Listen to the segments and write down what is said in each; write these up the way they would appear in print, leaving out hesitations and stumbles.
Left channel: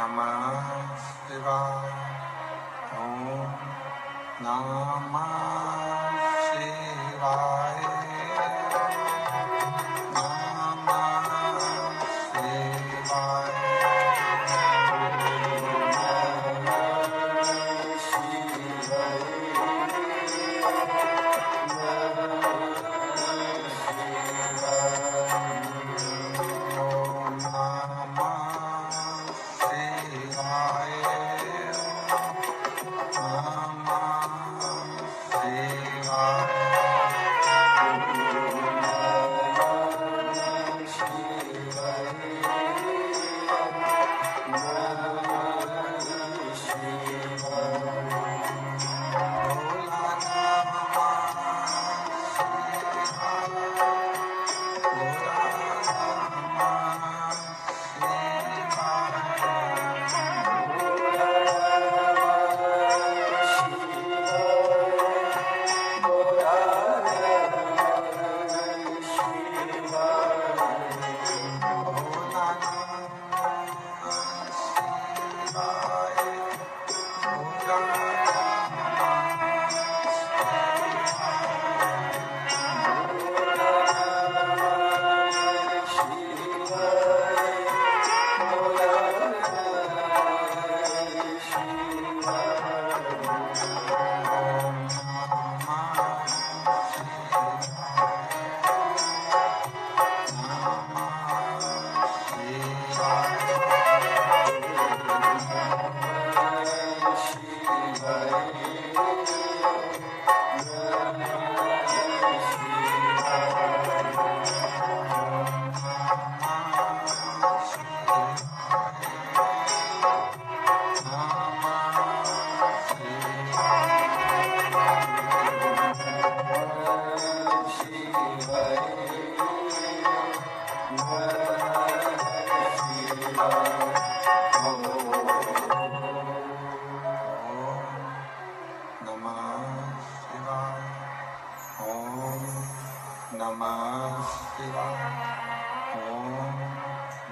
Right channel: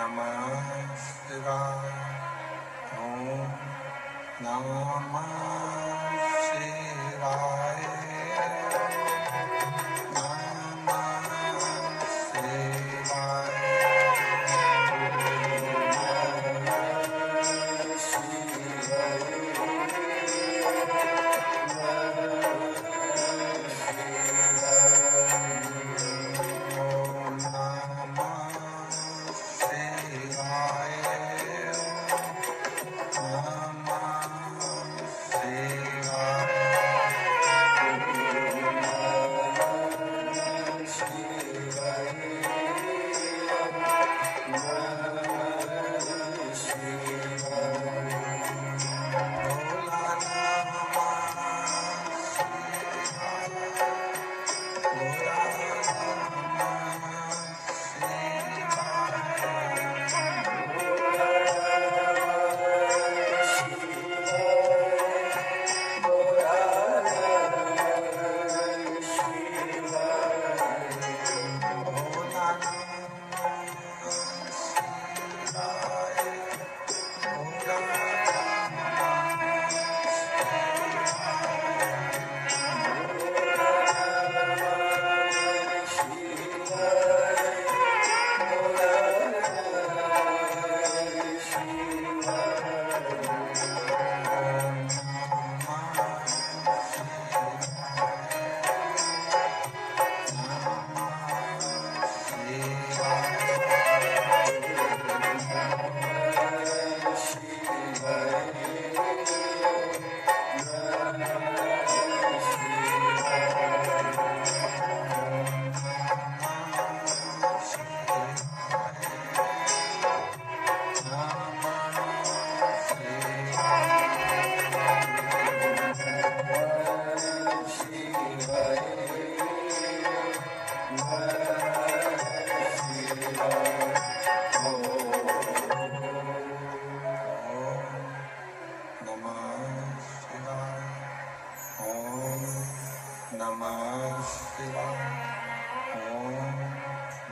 नमः शिवाय। ओम नमः शिवाय।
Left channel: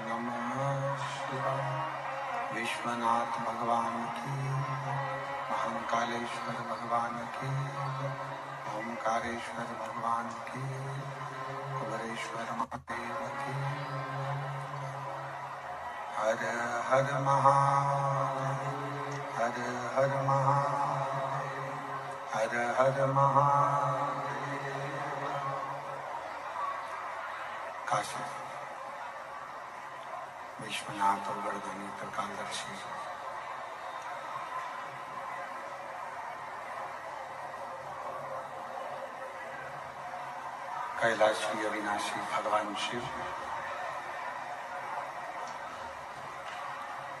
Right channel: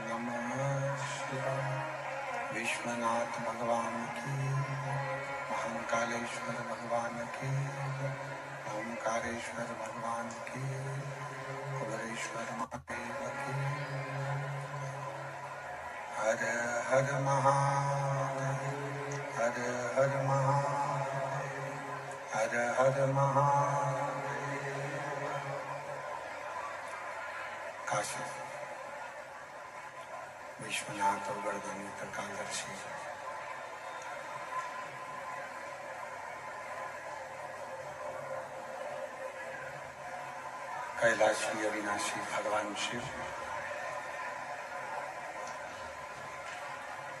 नमः शिवाय। विश्वनाथ भगवान की, महाकालेश्वर भगवान की, ओमकारेश्वर भगवान की, कुबेरेश्वर महादेव की। हर हर महादेव, हर हर महादेव, हर हर महादेव। काशी विश्वनाथ और वर्धनी त्रिकालदर्शी कैलाशी अविनाशी भगवान शिव,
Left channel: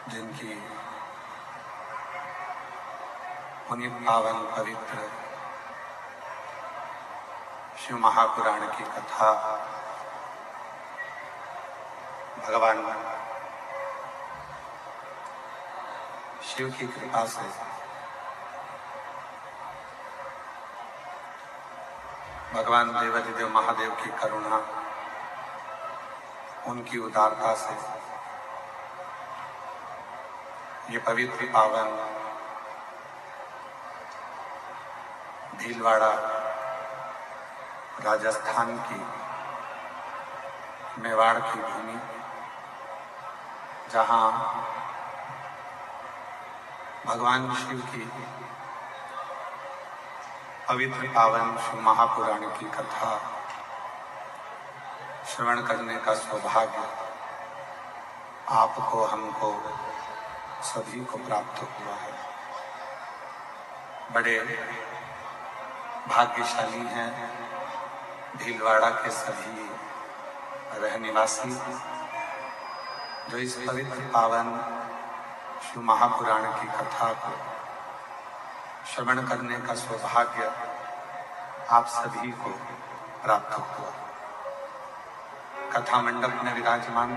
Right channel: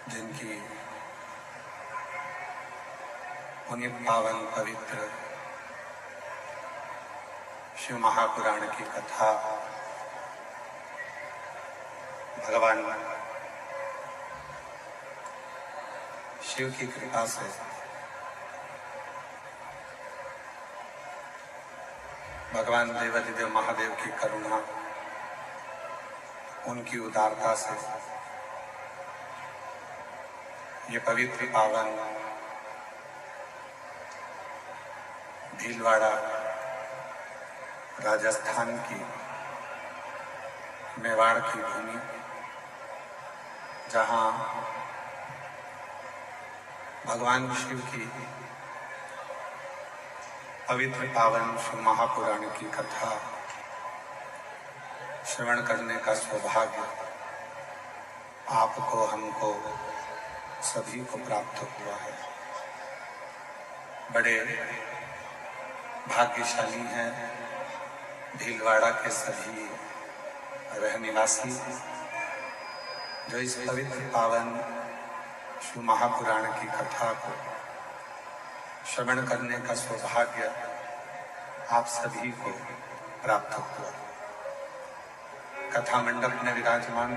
जिनकी उन्हीं पावन पवित्र शिव महापुराण की कथा भगवान शिव की कृपा से भगवान देवाधिदेव महादेव की करुणा, उनकी उदारता से ये पवित्र पावन भीलवाड़ा राजस्थान की मेवाड़ की भूमि, जहाँ भगवान शिव की पवित्र पावन शिव महापुराण की कथा श्रवण करने का सौभाग्य आपको, हमको, सभी को प्राप्त हुआ है। बड़े भाग्यशाली हैं भीलवाड़ा के सभी रहनिवासी, जो इस पवित्र पावन शिव महापुराण की कथा को श्रवण करने का सौभाग्य आप सभी को प्राप्त हुआ। कथा मंडप में विराजमान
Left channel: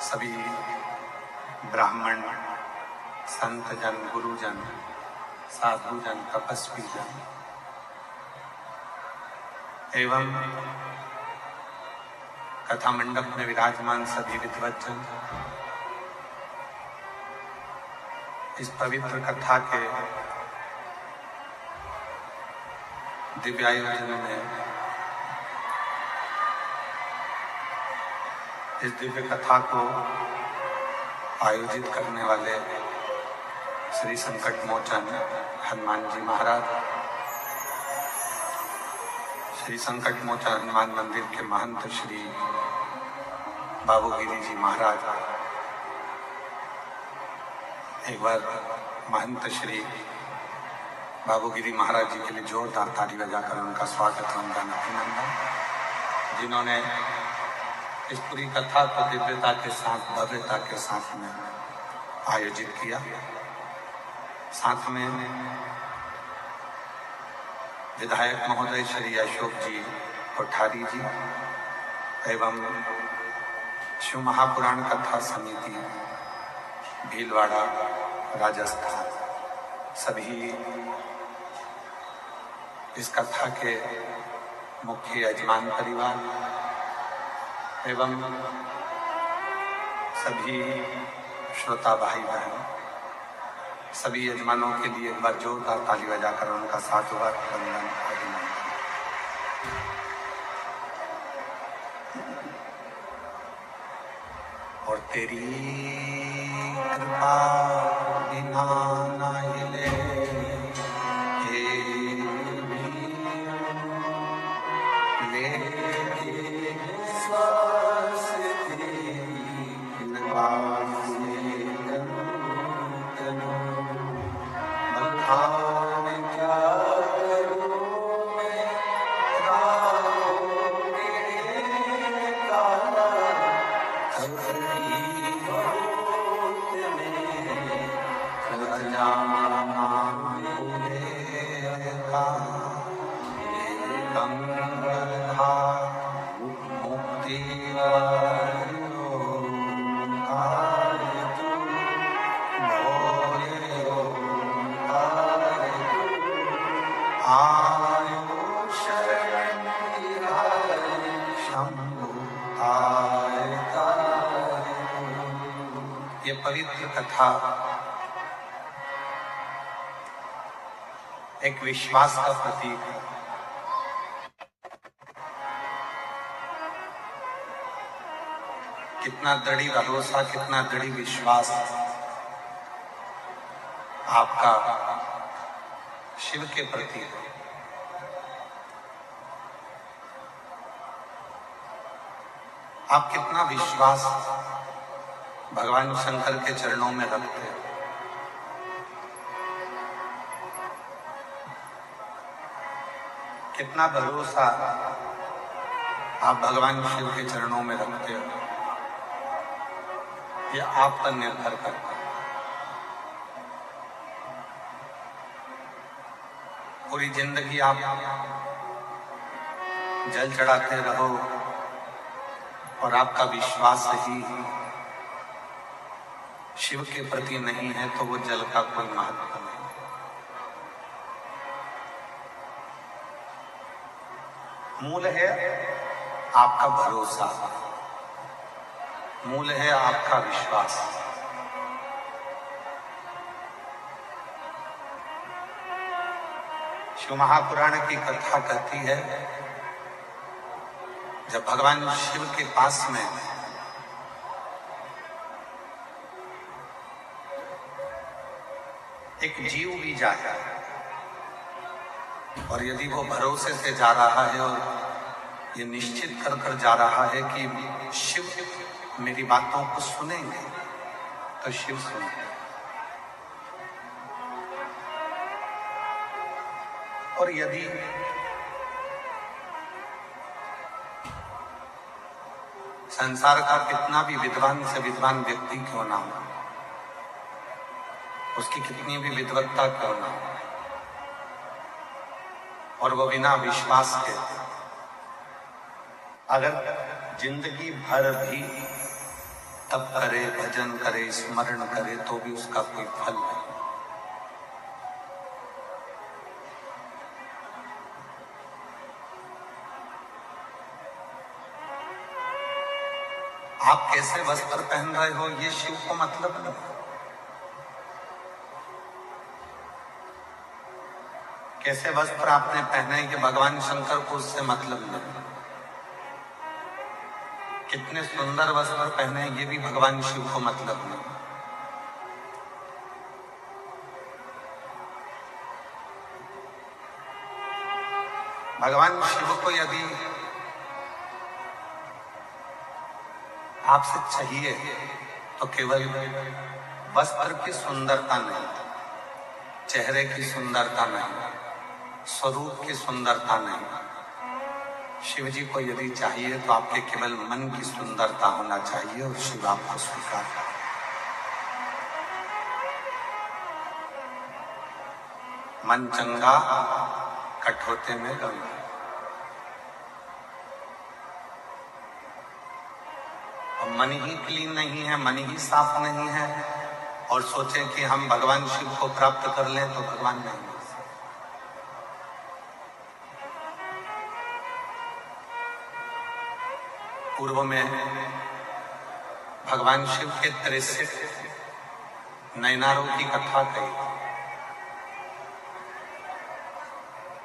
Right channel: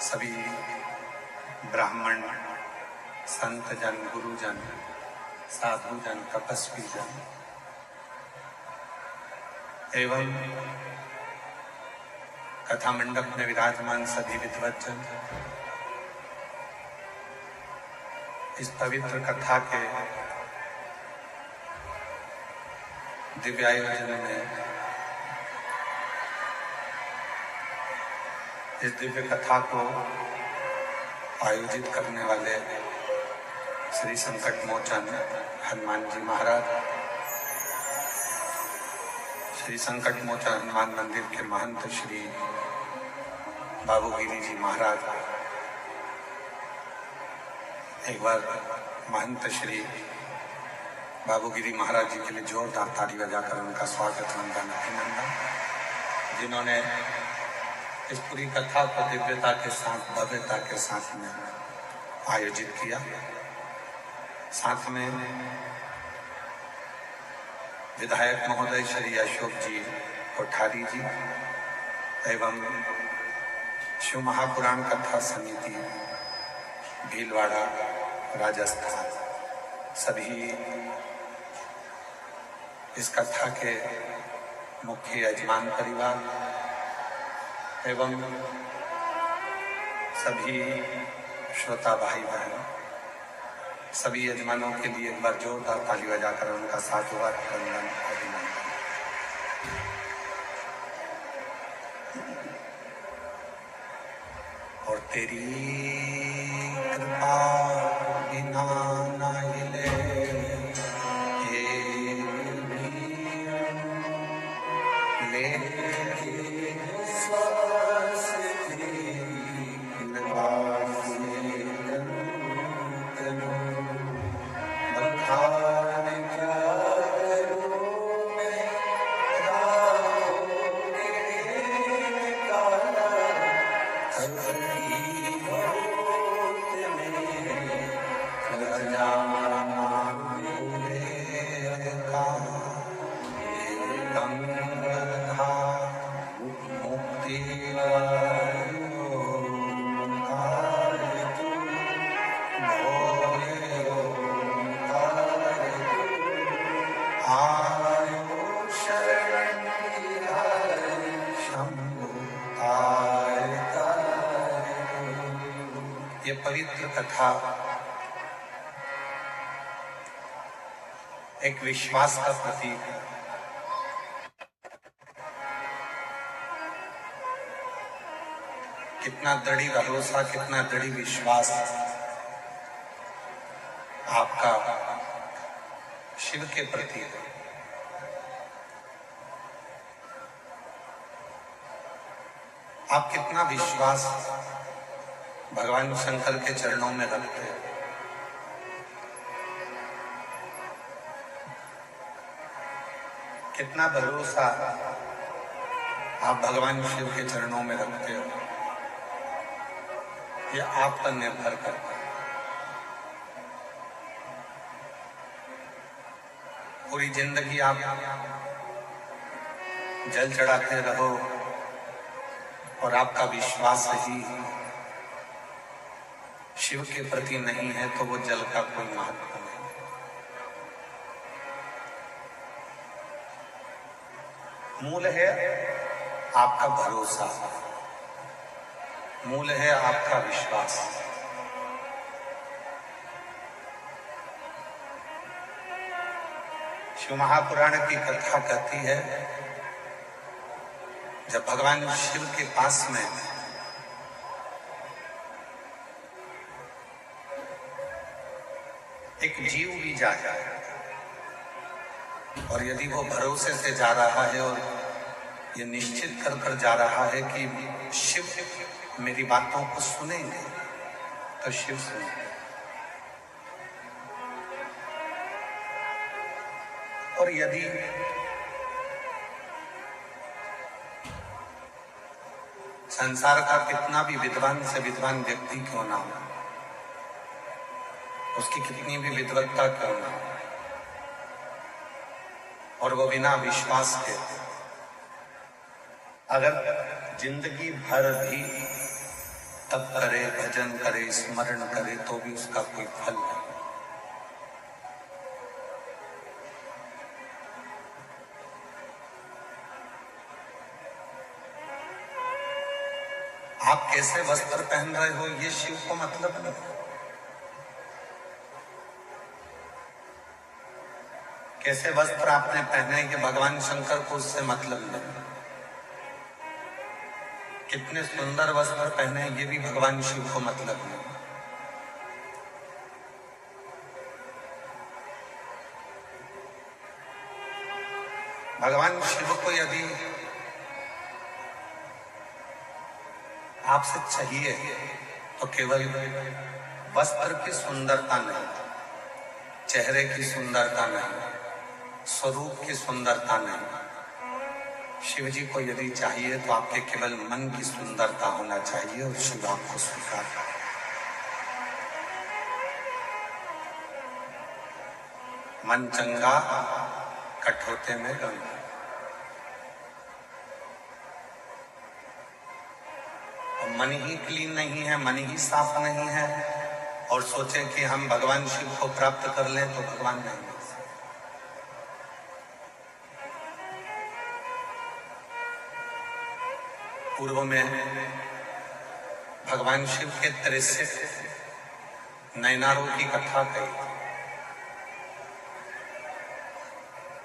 सभी ब्राह्मण, संत जन, गुरुजन, साधु जन, तपस्वी जन एवं कथा मंडप में विराजमान सभी विद्वज्जन, इस पवित्र कथा के दिव्य आयोजन में इस दिव्य कथा को आयोजित करने वाले श्री संकट मोचन हनुमान जी महाराज, श्री संकट मोचन हनुमान मंदिर के महंत श्री बाबूगिरी जी महाराज, एक बार महंत श्री बाबूगिरी महाराज जी के लिए जोरदार ताली बजाकर उनका स्वागत, उनका अभिनंदन, जिन्होंने इस पूरी कथा को दिव्यता के साथ, भव्यता के साथ में आयोजित किया। साथ में विधायक महोदय श्री अशोक जी कोठारी जी एवं शिव महापुराण कथा समिति भीलवाड़ा राजस्थान, सभी इस कथा के मुख्य यजमान परिवार एवं सभी श्रोता भाई बहन, सभी यजमानों के लिए एक बार जोरदार ताली बजाकर उनका साधुवाद, वंदन, अभिनंदन। और तेरी कृपा बिना न हिले ये पवित्र कथा एक विश्वास का प्रतीक है। कितना दृढ़ भरोसा, कितना दृढ़ विश्वास आपका शिव के प्रति है। आप कितना विश्वास भगवान शंकर के चरणों में रखते हैं। कितना भरोसा आप भगवान शिव के चरणों में रखते हो, यह आप पर निर्भर करता है। पूरी जिंदगी आप जल चढ़ाते रहो और आपका विश्वास ही शिव के प्रति नहीं है तो वो जल का कोई महत्व नहीं। मूल है आपका भरोसा, मूल है आपका विश्वास। शिव महापुराण की कथा कहती है, जब भगवान शिव के पास में एक जीव भी जाता है और यदि वो भरोसे से जा रहा है और ये निश्चित कर कर जा रहा है कि शिव मेरी बातों को सुनेंगे, तो शिव सुनेंगे। और यदि संसार का कितना भी विद्वान से विद्वान व्यक्ति क्यों ना हो, उसकी कितनी भी विद्वत्ता क्यों ना हो, और वो बिना विश्वास के अगर जिंदगी भर भी तप करे, भजन करे, स्मरण करे, तो भी उसका कोई फल नहीं। आप कैसे वस्त्र पहन रहे हो ये शिव को मतलब नहीं। कैसे वस्त्र आपने पहने कि भगवान शंकर को उससे मतलब नहीं। कितने सुंदर वस्त्र पहने ये भी भगवान शिव को मतलब नहीं। भगवान शिव को यदि आपसे चाहिए तो केवल वस्त्र की सुंदरता नहीं, चेहरे की सुंदरता नहीं, स्वरूप की सुंदरता नहीं। शिव जी को यदि चाहिए तो आपके केवल मन की सुंदरता होना चाहिए और शिव आपको स्वीकार करे। मन चंगा कठोते में गंगा। और मन ही क्लीन नहीं है, मन ही साफ नहीं है और सोचे कि हम भगवान शिव को प्राप्त कर लें तो भगवान नहीं। पूर्व में भगवान शिव के 63 नैनारों की कथा कही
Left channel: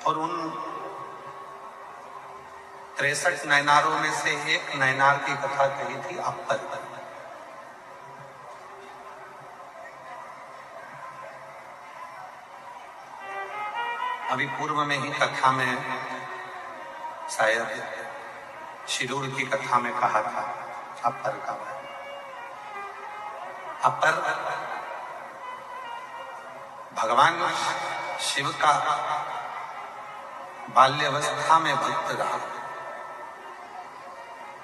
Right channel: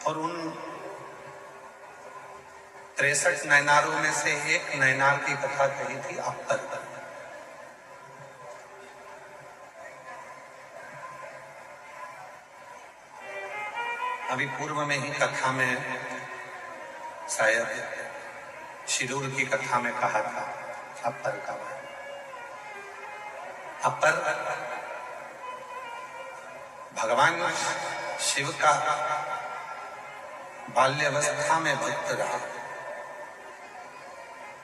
और उन 63 नैनारों में से एक नैनार की कथा कही थी अपर। अभी पूर्व में ही कथा में शायद शिरूर की कथा में कहा था अपर का। अपर भगवान शिव का बाल्यावस्था में भक्त रहा,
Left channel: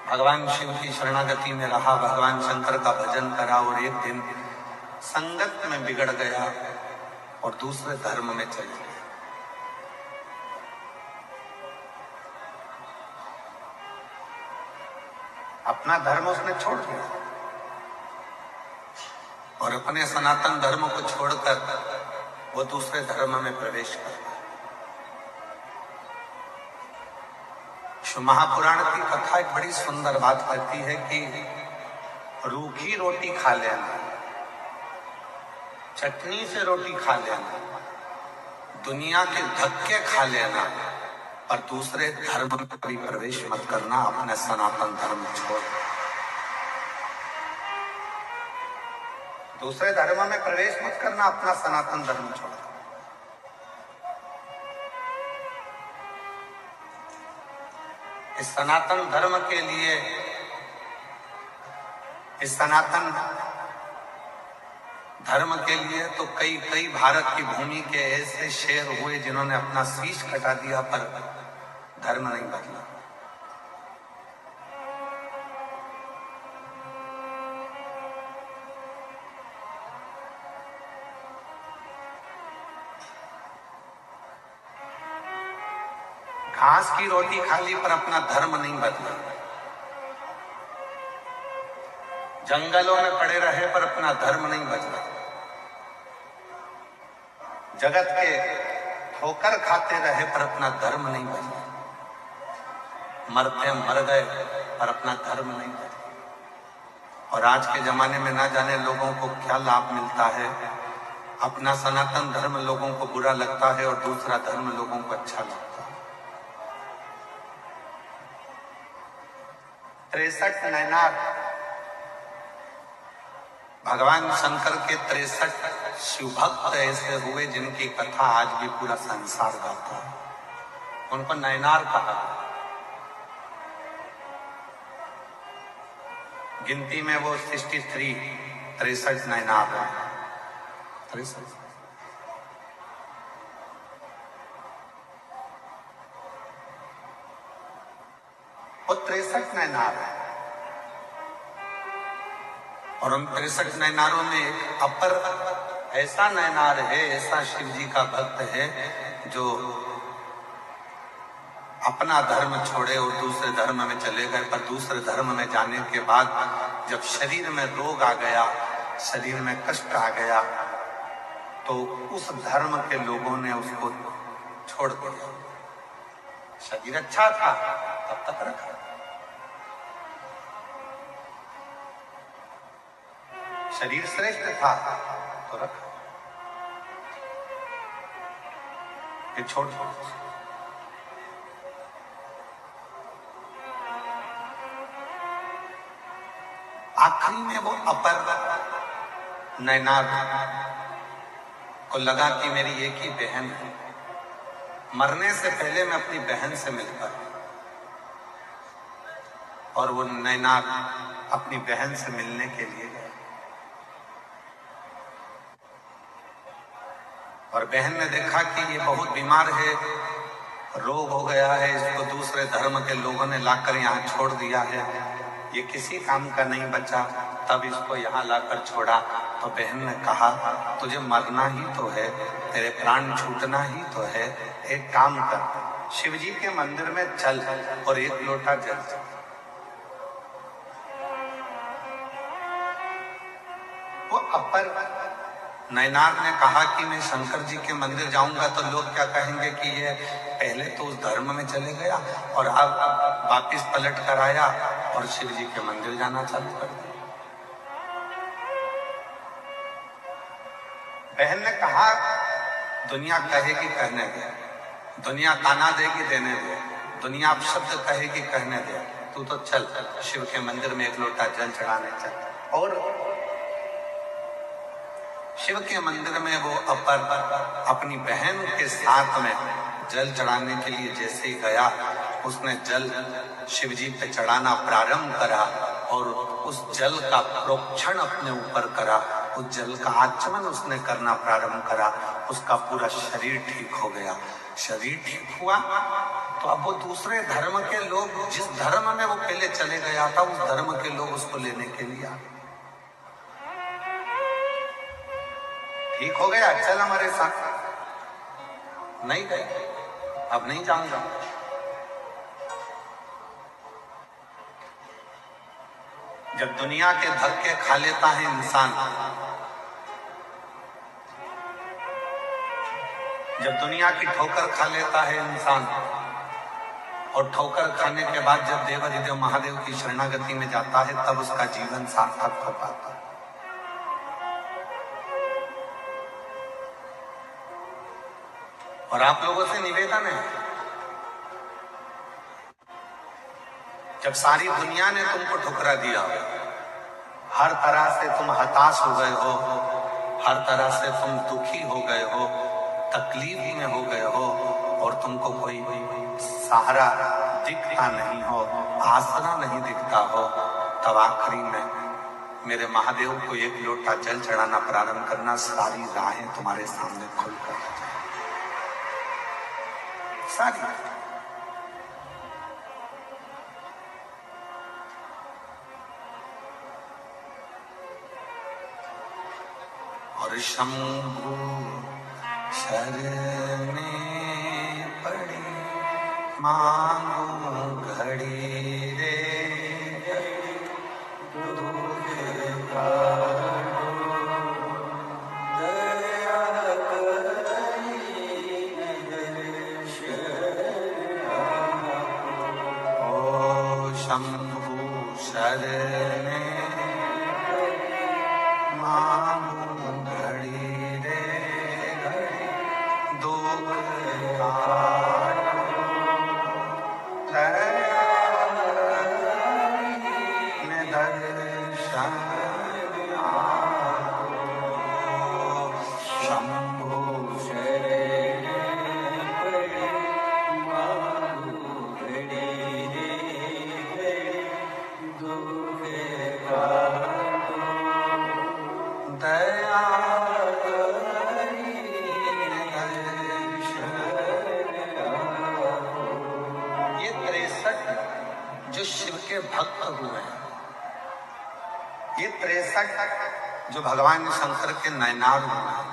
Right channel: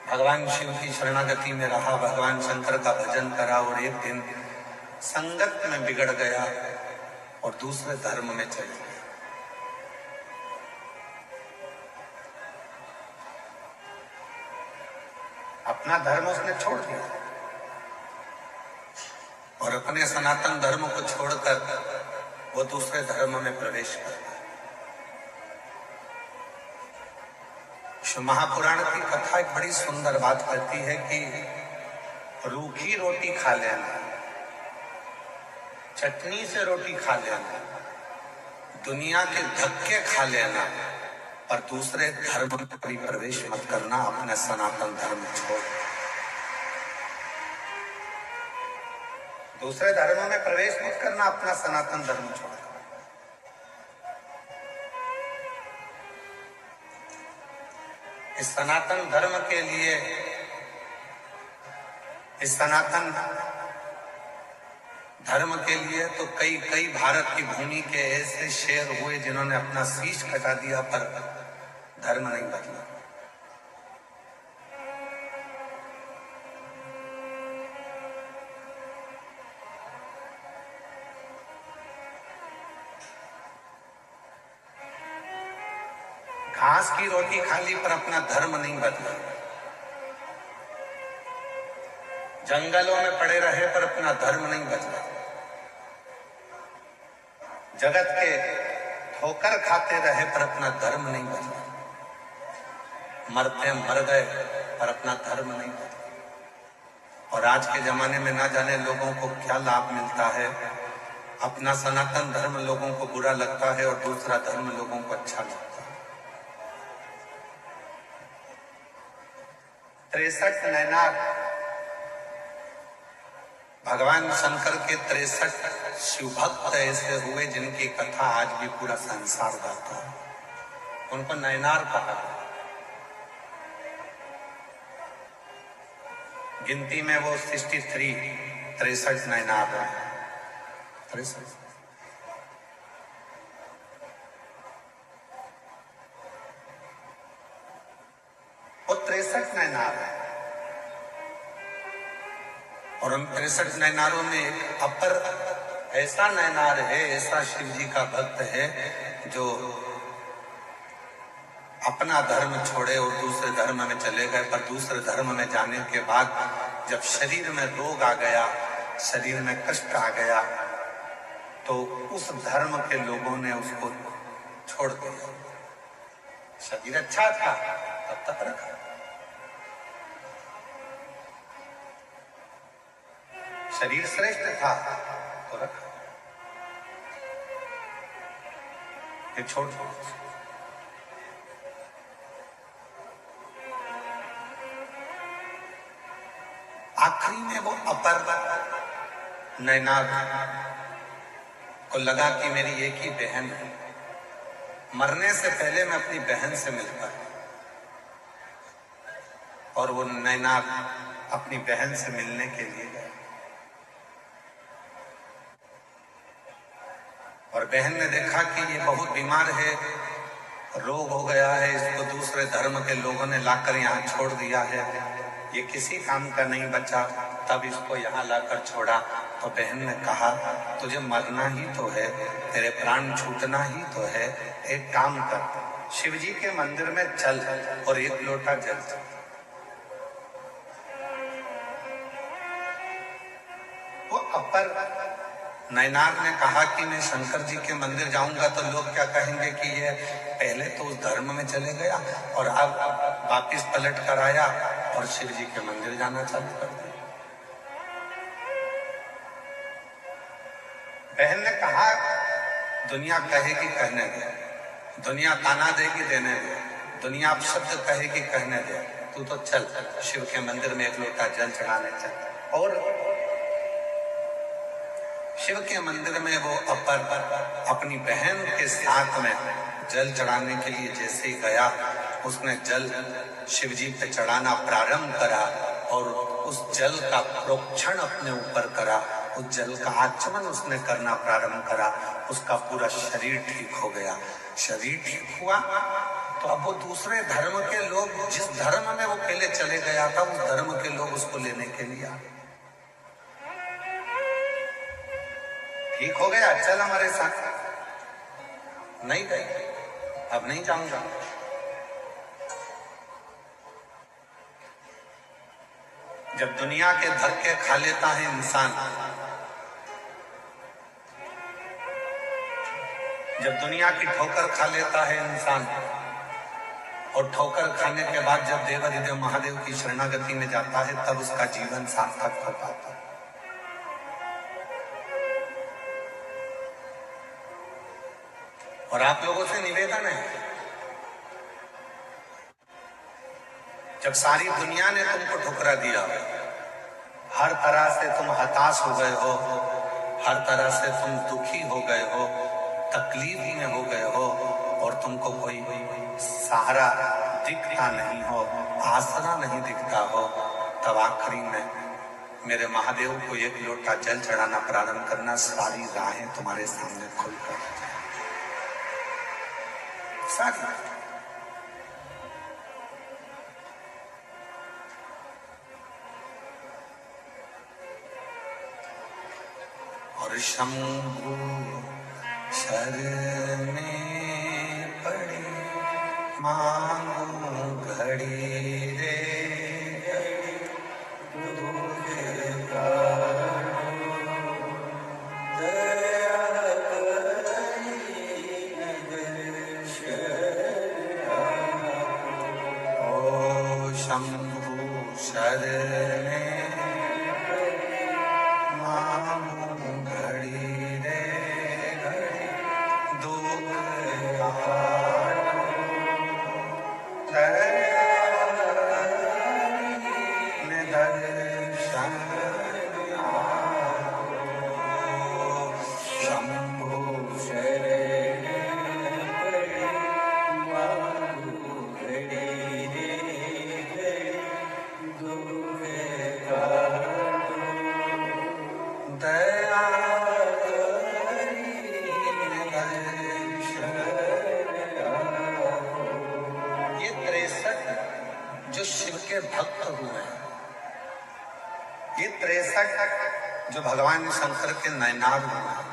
भगवान शिव की शरणागति में रहा, भगवान शंकर का भजन करा और एक दिन संगत में बिगड़ गया और दूसरे धर्म में चल गया। अपना धर्म उसने छोड़ दिया और अपने सनातन धर्म को छोड़कर वो दूसरे धर्म में प्रवेश कर गया। शिव महापुराण की कथा एक बड़ी सुंदर बात कहती है कि रूखी रोटी खा लेना, चटनी से रोटी खा लेना, दुनिया के धक्के खा लेना, पर दूसरे धर्म में कभी प्रवेश मत करना। अपने सनातन धर्म छोड़, दूसरे धर्म में प्रवेश मत करना, अपना सनातन धर्म छोड़। इस सनातन धर्म के लिए, इस सनातन धर्म के लिए तो कई भारत की भूमि के ऐसे शेर हुए जिन्होंने अपना शीश कटा दिया पर धर्म नहीं बदला। घास की रोटी खा ली पर अपना धर्म नहीं बदला, जंगलों में पड़े रहे पर अपना धर्म नहीं बदला, जगत के ठोकर खाते रहे पर अपना धर्म नहीं बदला, मरते मर गए पर अपना धर्म नहीं बदला। और आज के जमाने में ना जाने लोगों को क्या लाभ मिलता है, अपना सनातन धर्म लोगों को बुरा लगता है और दूसरा धर्म लोगों को अच्छा लगता है। 63 नैनार भगवान शंकर के 63 शिवभक्त ऐसे हुए जिनकी कथा आज भी पूरा संसार गाता है। उनको नैनार कहा। गिनती में वो 63 नैनार है। 63 वो 63 नैनार है और उन 63 नैनारों में एक अपर ऐसा नैनार है, ऐसा शिव जी का भक्त है जो अपना धर्म छोड़े और दूसरे धर्म में चले गए। पर दूसरे धर्म में जाने के बाद जब शरीर में रोग आ गया, शरीर में कष्ट आ गया, तो उस धर्म के लोगों ने उसको छोड़ दिया। शरीर अच्छा था तब तक रखा, शरीर श्रेष्ठ था तो रखा, ये छोड़ दो। आखिरी में वो अपर नैनार को लगा कि मेरी एक ही बहन है, मरने से पहले मैं अपनी बहन से मिल पाया। और वो नैनार अपनी बहन से मिलने के लिए गया और बहन ने देखा कि ये बहुत बीमार है, रोग हो गया है, इसको दूसरे धर्म के लोगों ने लाकर यहाँ छोड़ दिया है, ये किसी काम का नहीं बचा। तब इसको यहाँ लाकर छोड़ा तो बहन ने कहा तुझे मरना ही तो है, तेरे प्राण छूटना ही तो है, एक काम कर, शिव जी के मंदिर में चल और एक लोटा जल चल। वो अपर नैनार ने कहा कि मैं शंकर जी के मंदिर जाऊंगा तो लोग क्या कहेंगे कि ये पहले तो उस धर्म में चले गया और अब वापिस पलट कर आया और शिव जी के मंदिर जाना चालू कर दिया। बहन ने कहा दुनिया कहेगी कहने दे, दुनिया ताना देगी देने दे, दुनिया शब्द कहेगी कहने दे, तू तो चल शिव के मंदिर में एक लोटा जल चढ़ाने चल। और शिव के मंदिर में वो अपर अपनी बहन के साथ में जल चढ़ाने के लिए जैसे ही गया, उसने जल शिव जी पे चढ़ाना प्रारंभ करा और उस जल का प्रोक्षण अपने ऊपर करा, उस जल का आचमन उसने करना प्रारंभ करा, उसका पूरा शरीर ठीक हो गया। शरीर ठीक हुआ तो अब वो दूसरे धर्म के लोग, जिस धर्म में वो पहले चले गया था, उस धर्म के लोग उसको लेने के लिए आ गए। ठीक हो गया, चल हमारे साथ। नहीं गए, अब नहीं जाऊंगा। जब दुनिया के धक्के खा लेता है इंसान, जब दुनिया की ठोकर खा लेता है इंसान और ठोकर खाने के बाद जब देवाधिदेव महादेव की शरणागति में जाता है, तब उसका जीवन सार्थक हो पाता है। और आप लोगों से निवेदन है, जब सारी दुनिया ने तुमको ठुकरा दिया, हर तरह से तुम हताश हो गए हो, हर तरह से तुम दुखी हो गए हो, तकलीफ में हो गए हो और तुमको कोई सहारा दिखता नहीं हो, आसरा नहीं दिखता हो, तब आखिरी में मेरे महादेव को एक लोटा जल चढ़ाना प्रारंभ करना, सारी राहें तुम्हारे सामने खुलकर सारी। और शंभु शरणे पड़ी मांगू घड़ी रे दूध का दया करी ओ शंभु शरणे मांगू घड़ी रे घड़ी दुख जो शिव के भक्त हुए हैं, ये 63 जो भगवान शंकर के नैनार हुए हैं,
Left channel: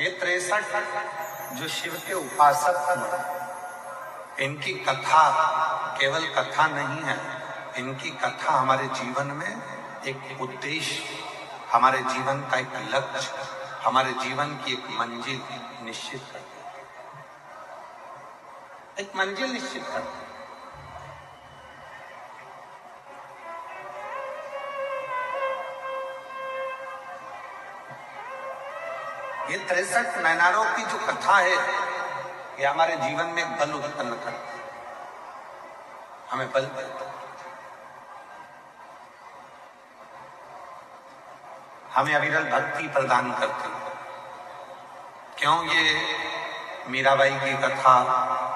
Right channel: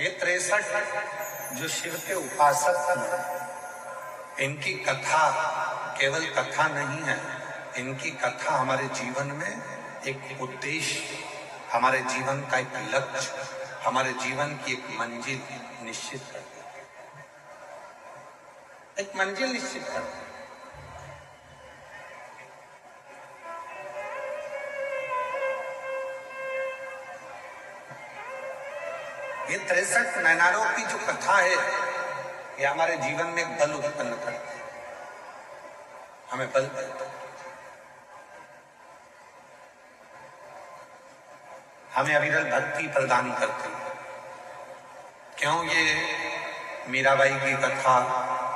ये 63 जो शिव के उपासक हुए, इनकी कथा केवल कथा नहीं है, इनकी कथा हमारे जीवन में एक उद्देश्य, हमारे जीवन का एक लक्ष्य, हमारे जीवन की एक मंजिल निश्चित करती है, एक मंजिल निश्चित करती है। ये 63 नैनारों की जो कथा है ये हमारे जीवन में एक बल उत्पन्न करती है, हमें बल देता है, हमें अविरल भक्ति प्रदान करती है। क्यों? ये मीराबाई की कथा,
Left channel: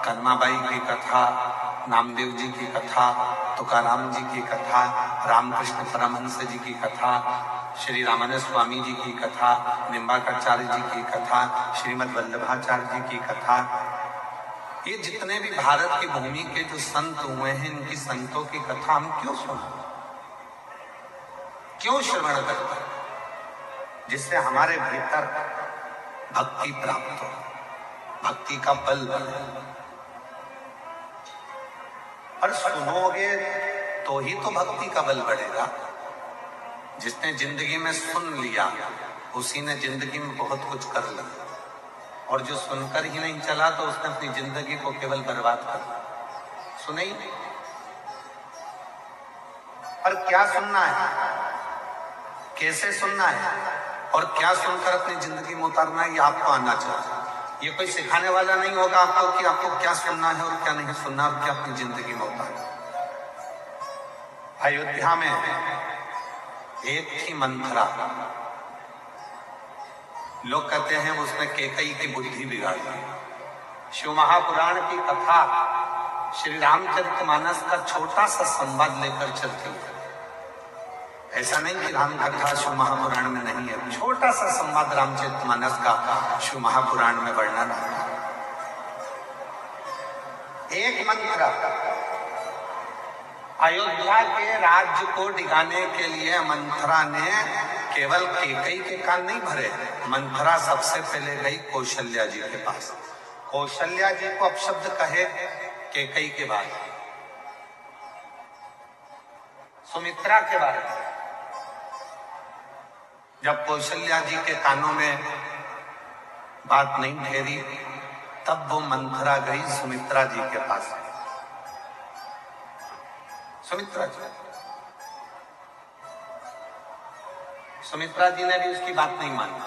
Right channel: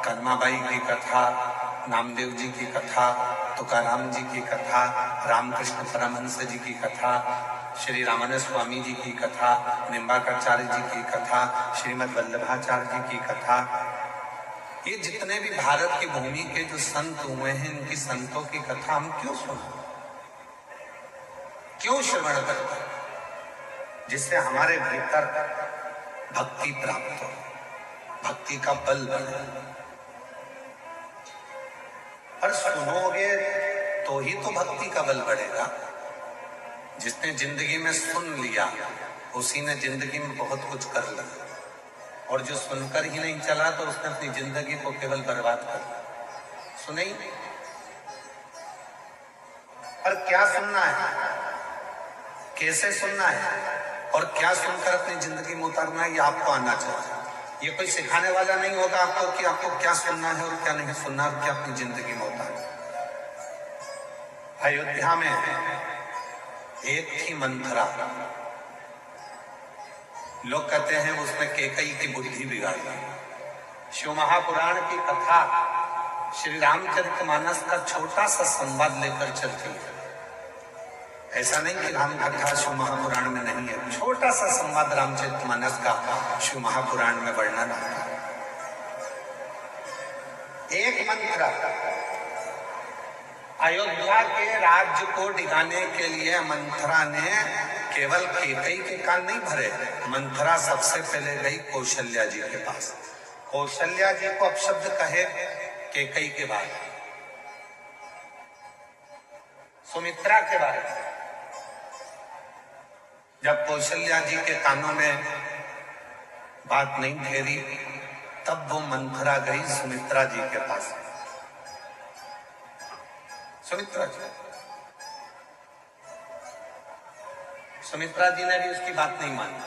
कन्माबाई की कथा, नामदेव जी की कथा, तुकाराम जी की कथा, रामकृष्ण परमहंस जी की कथा, श्री रामानंद स्वामी जी की कथा, निम्बाकराचार्य जी की कथा, श्रीमद् वल्लभाचार्य जी की कथा, ये जितने भी भारत की भूमि के जो संत हुए हैं इनकी संतों की कथा हम क्यों सुने, क्यों श्रवण करते हैं? जिससे हमारे भीतर भक्ति प्राप्त हो, भक्ति का बल बढ़े। पर सुनोगे तो ही तो भक्ति का बल बढ़ेगा। जिसने जिंदगी में सुन लिया उसी ने जिंदगी में बहुत कुछ कर लिया, और जो सुनकर ही नहीं चला तो उसने अपनी जिंदगी को केवल बर्बाद कर दिया। सुने ही नहीं। पर क्या सुनना है, कैसे सुनना है और क्या सुनकर अपनी जिंदगी में उतारना है, ये आपको आना चाहिए। ये कोई सिखाने वाला नहीं होगा आपको कि आपको क्या सुनना है और क्या नहीं सुनना और क्या अपनी जिंदगी में उतारना। अयोध्या में एक थी मंथरा, लोग कहते हैं उसने कैकेयी की बुद्धि बिगाड़ी। शिव महापुराण की कथा श्री रामचरितमानस का छोटा सा संवाद लेकर चलती है। ऐसा नहीं कि राम कथा शिव महापुराण में नहीं है, छोटा सा संवाद रामचरितमानस का शिव महापुराण में वर्णन है। एक मंथरा अयोध्या के राज्य को डिगाने के लिए मंथरा ने केवल कैकेयी के कान नहीं भरे, मंथरा सबसे पहले गई कौशल्या जी के पास। कौशल्या जी को अपशब्द कहे कैकेयी के बाद, सुमित्रा के बारे में। जब कौशल्या जी के कानों में बात नहीं ठहरी तब वो मंथरा गई सुमित्रा जी के पास। सुमित्रा जी ने भी उसकी बात नहीं मानी।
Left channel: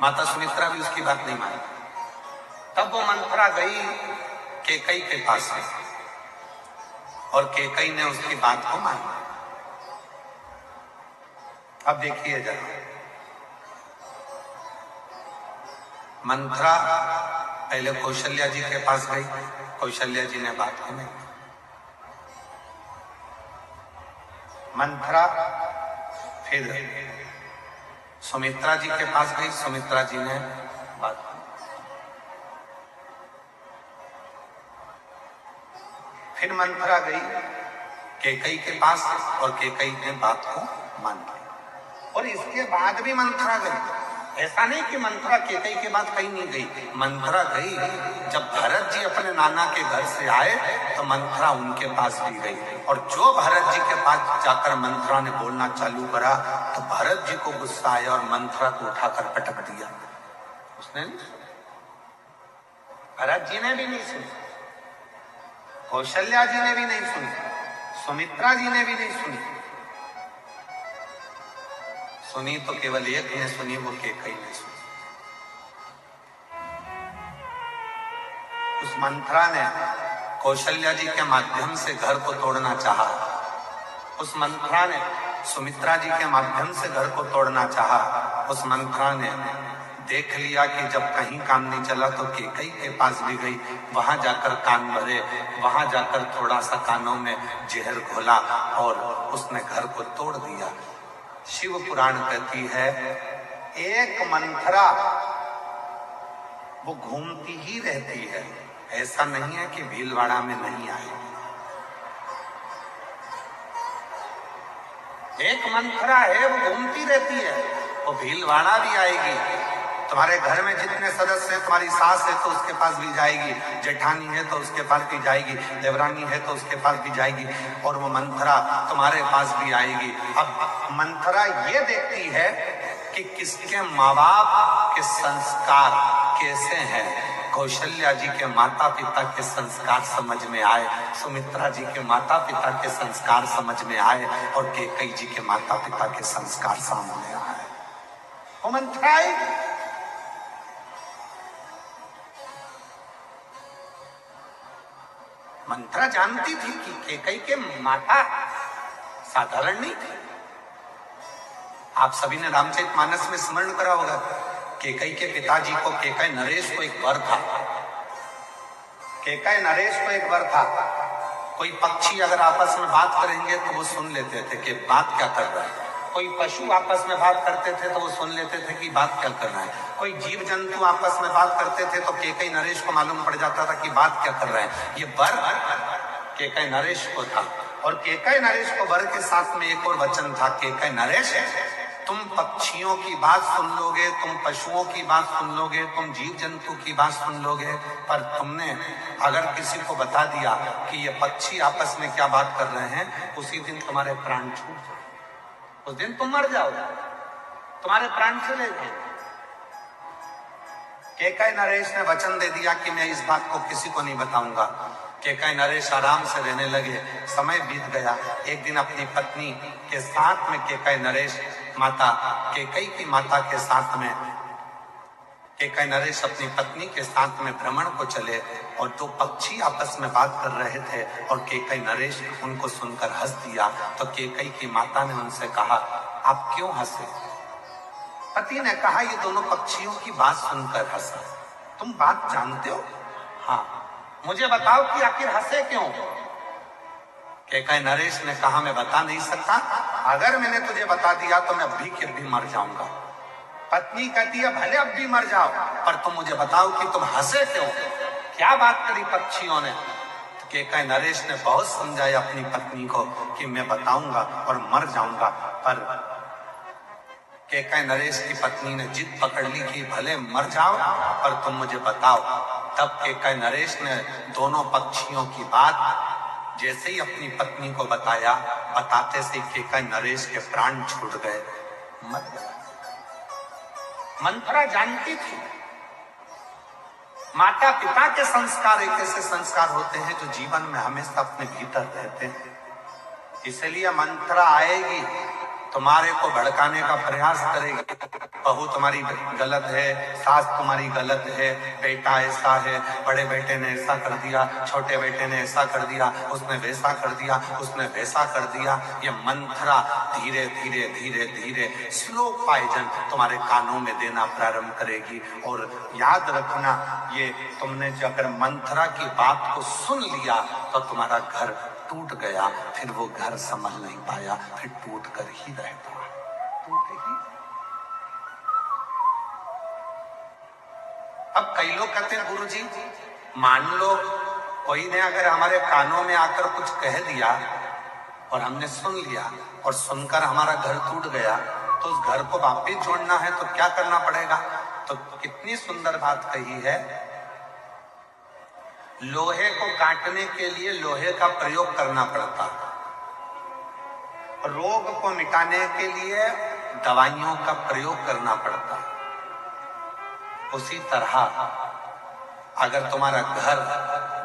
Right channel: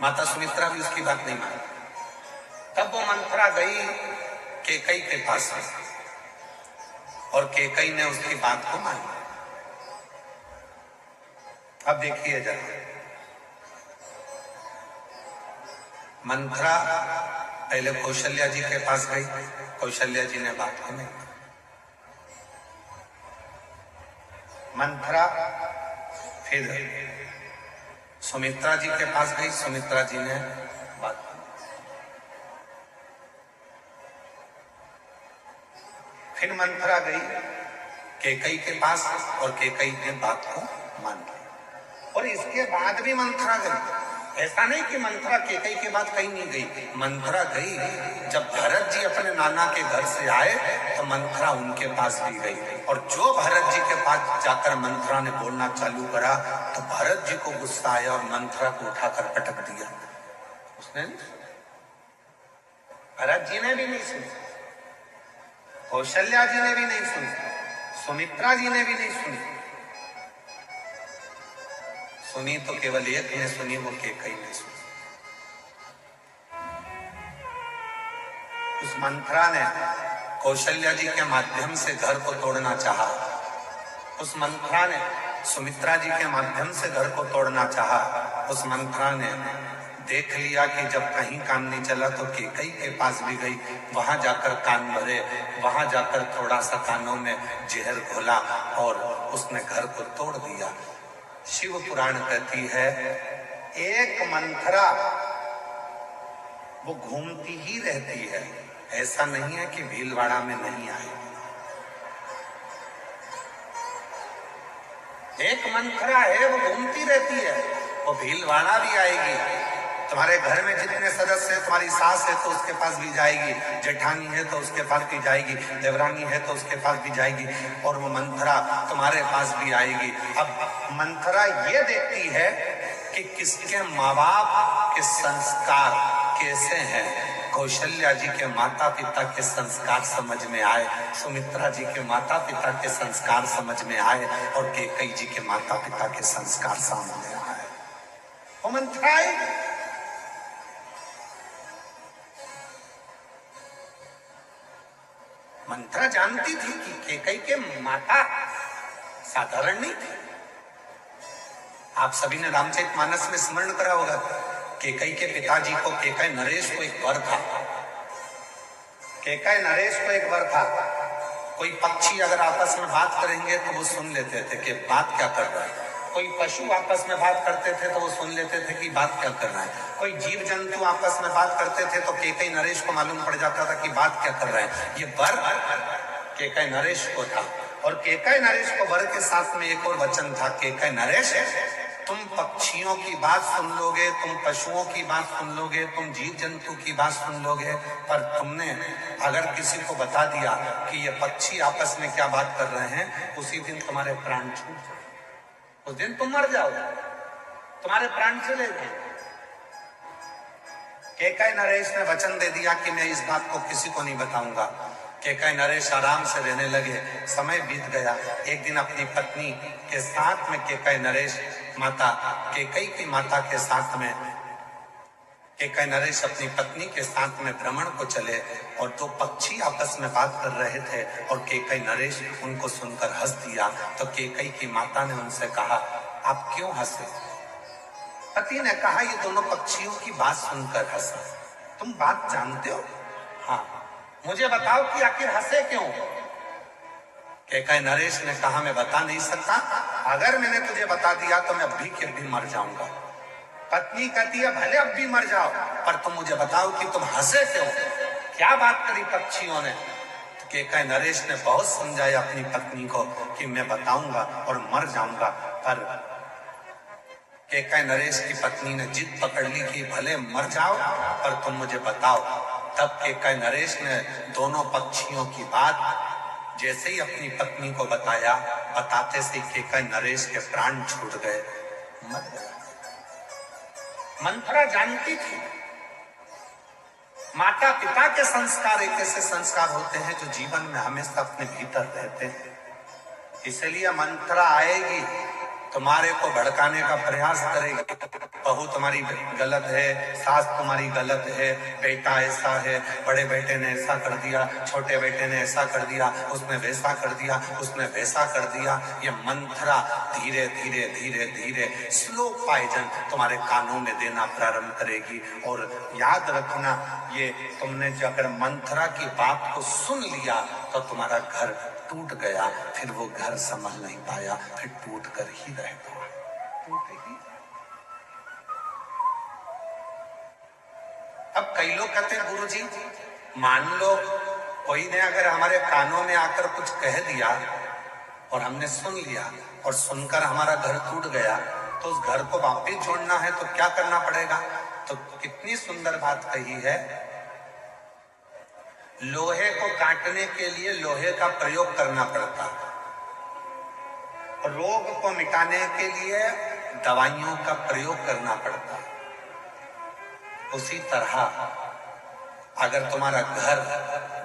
माता सुमित्रा भी उसकी बात नहीं मानी। तब वो मंथरा गई कैकेयी के पास और कैकेयी ने उसकी बात को माना। अब देखिए जरा, मंथरा पहले कौशल्या जी के पास गई, कौशल्या जी ने बात को नहीं। मंथरा फिर सुमित्रा जी के पास गई, सुमित्रा जी ने बात को। फिर मंथरा गई कैकेयी के पास और कैकेयी ने बात को मान लिया। और इसके बाद भी मंथरा गई। ऐसा नहीं कि मंथरा कैकेयी के बाद कहीं नहीं गई, मंथरा गई। जब भरत जी अपने नाना के घर से आए तो मंथरा उनके पास भी गई, और जो भरत जी के पास जाकर मंथरा ने बोलना चालू करा तो भरत जी को गुस्सा आया और मंथरा को उठाकर पटक दिया। उसने नहीं सुना, भरत जी ने भी नहीं सुनी, कौशल्या जी ने भी नहीं सुनी, सुमित्रा जी ने भी नहीं सुनी। सुनी तो केवल एक ने सुनी, वो कैकेयी ने सुनी। उस मंथरा ने कौशल्या जी के माध्यम से घर को तोड़ना चाहा। उस मंथरा ने सुमित्रा जी के माध्यम से घर को तोड़ना चाहा। उस मंथरा ने देख लिया कि जब कहीं काम नहीं चला तो कैकेयी के पास भी गई, वहां जाकर कान भरे, वहां जाकर थोड़ा सा कानों में जहर घोला और उसने घर को तोड़ दिया। शिव पुराण कहती है एक मंथरा वो घूमती ही रहती है, ऐसा नहीं है कि भीलवाड़ा में नहीं आई। एक मंथरा है वो घूमती रहती है, वो भीलवाड़ा भी आएगी। तुम्हारे घर में जितने सदस्य हैं, तुम्हारी सास है तो उसके पास भी जाएगी, जेठानी है तो उसके पास भी जाएगी, देवरानी है तो उसके पास भी जाएगी, और वो मंथरा तुम्हारे पास भी आएगी। अब मंथरा ये देखती है कि किसके माँ बाप के संस्कार कैसे हैं, कौशल्या जी के माता पिता के संस्कार समझ में आए, सुमित्रा जी के माता पिता के संस्कार समझ में आए और कैकेयी जी के माता पिता के संस्कार सामने आए। वो मंथरा आएगी। मंथरा जानती थी कि कैकेयी के माता साधारण नहीं थी। आप सभी ने रामचरितमानस में स्मरण करा होगा, कैकेयी के पिताजी को, कैकेयी नरेश को एक वर था। कैकेयी नरेश को एक वर था, कोई पक्षी अगर आपस में बात करेंगे तो वो सुन लेते थे कि बात क्या कर रहा है। कोई पशु आपस में बात करते थे तो वो सुन लेते थे कि बात क्या कर रहा है। कोई जीव जंतु आपस में बात करते थे तो कैकेयी नरेश को मालूम पड़ जाता था कि बात क्या कर रहा है। ये वर कैकेयी नरेश को था और कैकेयी नरेश को वर के साथ में एक और वचन था, कैकेयी नरेश तुम पक्षियों की बात सुन लोगे, तुम पशुओं की बात सुन लोगे, तुम जीव जंतु की बात सुन लोगे, पर तुमने अगर किसी को बता दिया कि ये पक्षी आपस में क्या बात कर रहे हैं, उसी दिन तुम्हारे प्राण छूट जाए, उस दिन तुम मर जाओगे, तुम्हारे प्राण चले गए। कैकेयी नरेश ने वचन दे दिया कि मैं इस बात को किसी को नहीं बताऊंगा। कैकेयी नरेश आराम से रहने लगे। समय बीत गया। एक दिन अपनी पत्नी के साथ में कैकेयी नरेश माता कैकेयी की माता के साथ में कैकेयी नरेश अपनी पत्नी के साथ में भ्रमण को चले और दो पक्षी आपस में बात कर रहे थे और कैकेयी नरेश उनको सुनकर हंस दिया। तो कैकेयी की माता ने उनसे कहा, आप क्यों हंसे? पति ने कहा, ये दोनों पक्षियों की बात सुनकर हंसा। तुम बात जानते हो? हाँ। मुझे बताओ कि आखिर हंसे क्यों? कैकेयी नरेश ने कहा, मैं बता नहीं सकता, अगर मैंने तुझे बता दिया तो मैं अभी के अभी मर जाऊंगा। पत्नी कहती है, भले अब भी मर जाओ, पर तुम मुझे बताओ कि तुम हंसे क्यों? क्या बात करी पक्षियों ने? तो कैकेयी नरेश ने बहुत समझाया अपनी पत्नी को कि मैं बताऊंगा और मर जाऊंगा, पर कैकेयी नरेश की पत्नी ने जिद पकड़ ली कि भले मर जाओ पर तुम मुझे बताओ। तब कैकेयी नरेश ने दोनों पक्षियों की बात जैसे ही अपनी पत्नी को बताया, बताते से कैकेयी नरेश के प्राण छूट गए, मर गया। मंथरा जानती थी माता पिता के संस्कार एक ऐसे संस्कार होते हैं जो जीवन में हमेशा अपने भीतर रहते हैं। इसलिए मंथरा आएगी, तुम्हारे को भड़काने का प्रयास करेगी। बहू तुम्हारी गलत है, सास तुम्हारी गलत है, बेटा ऐसा है, बड़े बेटे ने ऐसा कर दिया, छोटे बेटे ने ऐसा कर दिया, उसने वैसा कर दिया, उसने वैसा कर दिया। ये मंथरा धीरे धीरे धीरे धीरे स्लो पॉइजन तुम्हारे कानों में देना प्रारंभ करेगी। और याद रखना, ये तुमने जो अगर मंथरा की बात को सुन लिया तो तुम्हारा घर टूट गया, फिर वो घर संभल नहीं पाया, फिर टूट कर ही रह गया, टूट ही। अब कई लोग कहते हैं, गुरुजी मान लो कोई ने अगर हमारे कानों में आकर कुछ कह दिया और हमने सुन लिया और सुनकर हमारा घर टूट गया, तो उस घर को वापस जोड़ना है तो क्या करना पड़ेगा? तो कितनी सुंदर बात कही है, लोहे को काटने के लिए लोहे का प्रयोग करना पड़ता, रोग को मिटाने के लिए दवाइयों का प्रयोग करना पड़ता। उसी तरह अगर तुम्हारा घर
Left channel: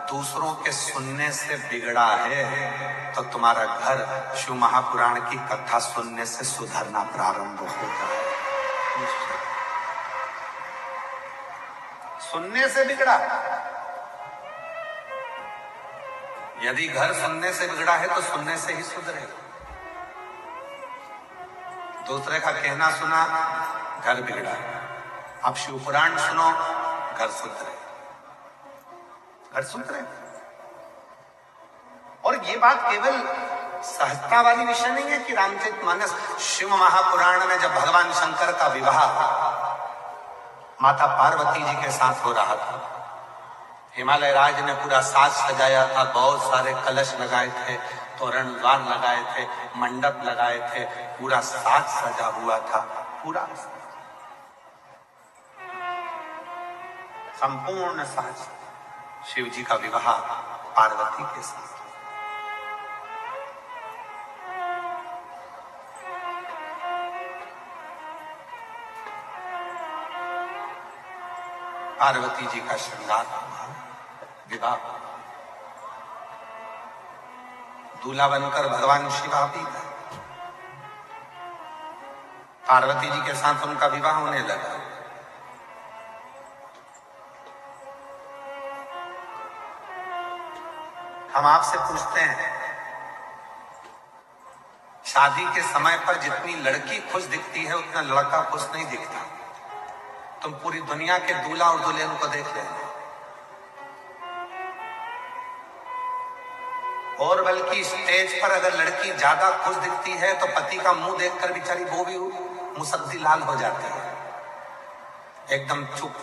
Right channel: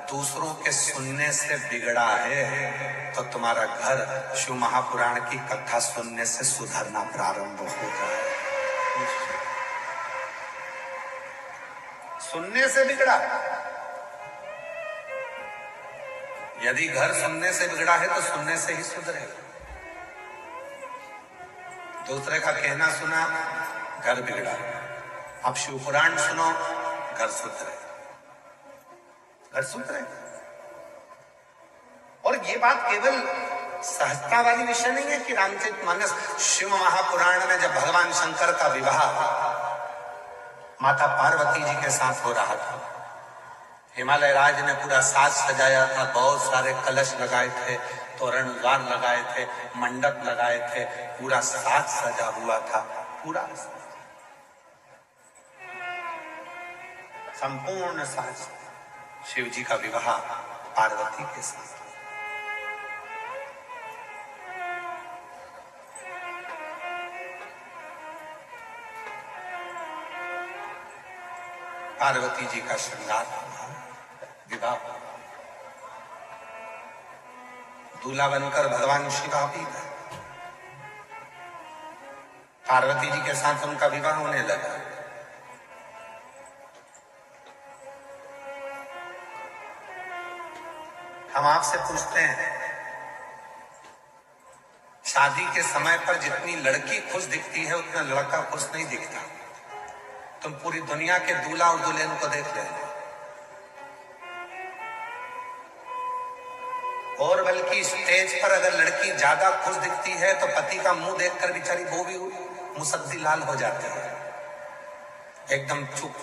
दूसरों के सुनने से बिगड़ा है तो तुम्हारा घर शिव महापुराण की कथा सुनने से सुधरना प्रारंभ होगा। सुनने से बिगड़ा, यदि घर सुनने से बिगड़ा है तो सुनने से ही सुधरेगा। दूसरे का कहना सुना, घर बिगड़ा। अब शिव पुराण सुनो, घर सुधरे, घर सुधरे। और ये बात केवल सहजता वाली विषय नहीं है कि रामचरितमानस, शिव महापुराण में जब भगवान शंकर का विवाह माता पार्वती जी के साथ हो रहा था, हिमालय राज ने पूरा साज सजाया था, बहुत सारे कलश लगाए थे, तोरण द्वार लगाए थे, मंडप लगाए थे, पूरा साज सजा हुआ था, पूरा संपूर्ण साज। शिव जी का विवाह पार्वती के साथ। पार्वती जी का श्रृंगार हुआ, विवाह हुआ। दूल्हा बनकर भगवान शिवा भी गए। पार्वती जी के साथ उनका विवाह होने लगा। हम आपसे पूछते हैं, शादी के समय पर जितनी लड़की खुश दिखती है उतना लड़का खुश नहीं दिखता। तुम पूरी दुनिया के दूल्हा और दुल्हन को देख लेना, और बल्कि स्टेज पर अगर लड़की ज्यादा खुश दिखती है तो पति का मुंह देखकर बेचारी वो भी मुसद्दी लाल हो जाती है, एकदम चुप।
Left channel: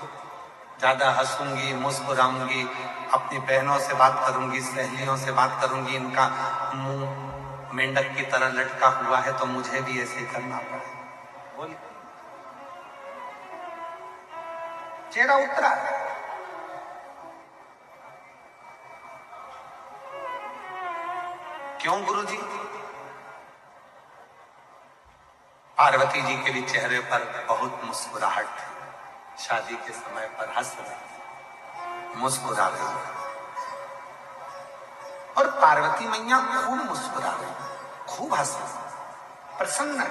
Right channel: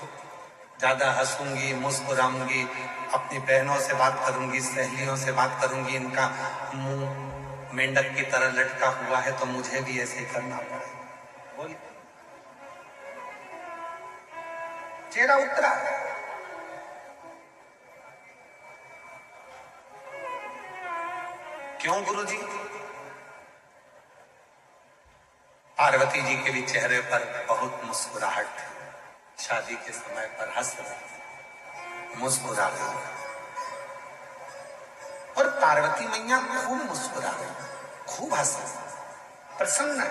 ज्यादा हंसूंगी, मुस्कुराऊंगी, अपनी बहनों से बात करूंगी, सहेलियों से बात करूंगी, इनका मुंह मेंढक की तरह लटका हुआ है तो मुझे भी ऐसे करना पड़े। बोल, चेहरा उतरा। क्यों गुरुजी? पार्वती जी के भी चेहरे पर बहुत मुस्कुराहट थी। शादी के समय पर हंस रहे, मुस्कुरा रहे, और पार्वती मैया खूब मुस्कुरा रही, खूब हंस रही, प्रसन्न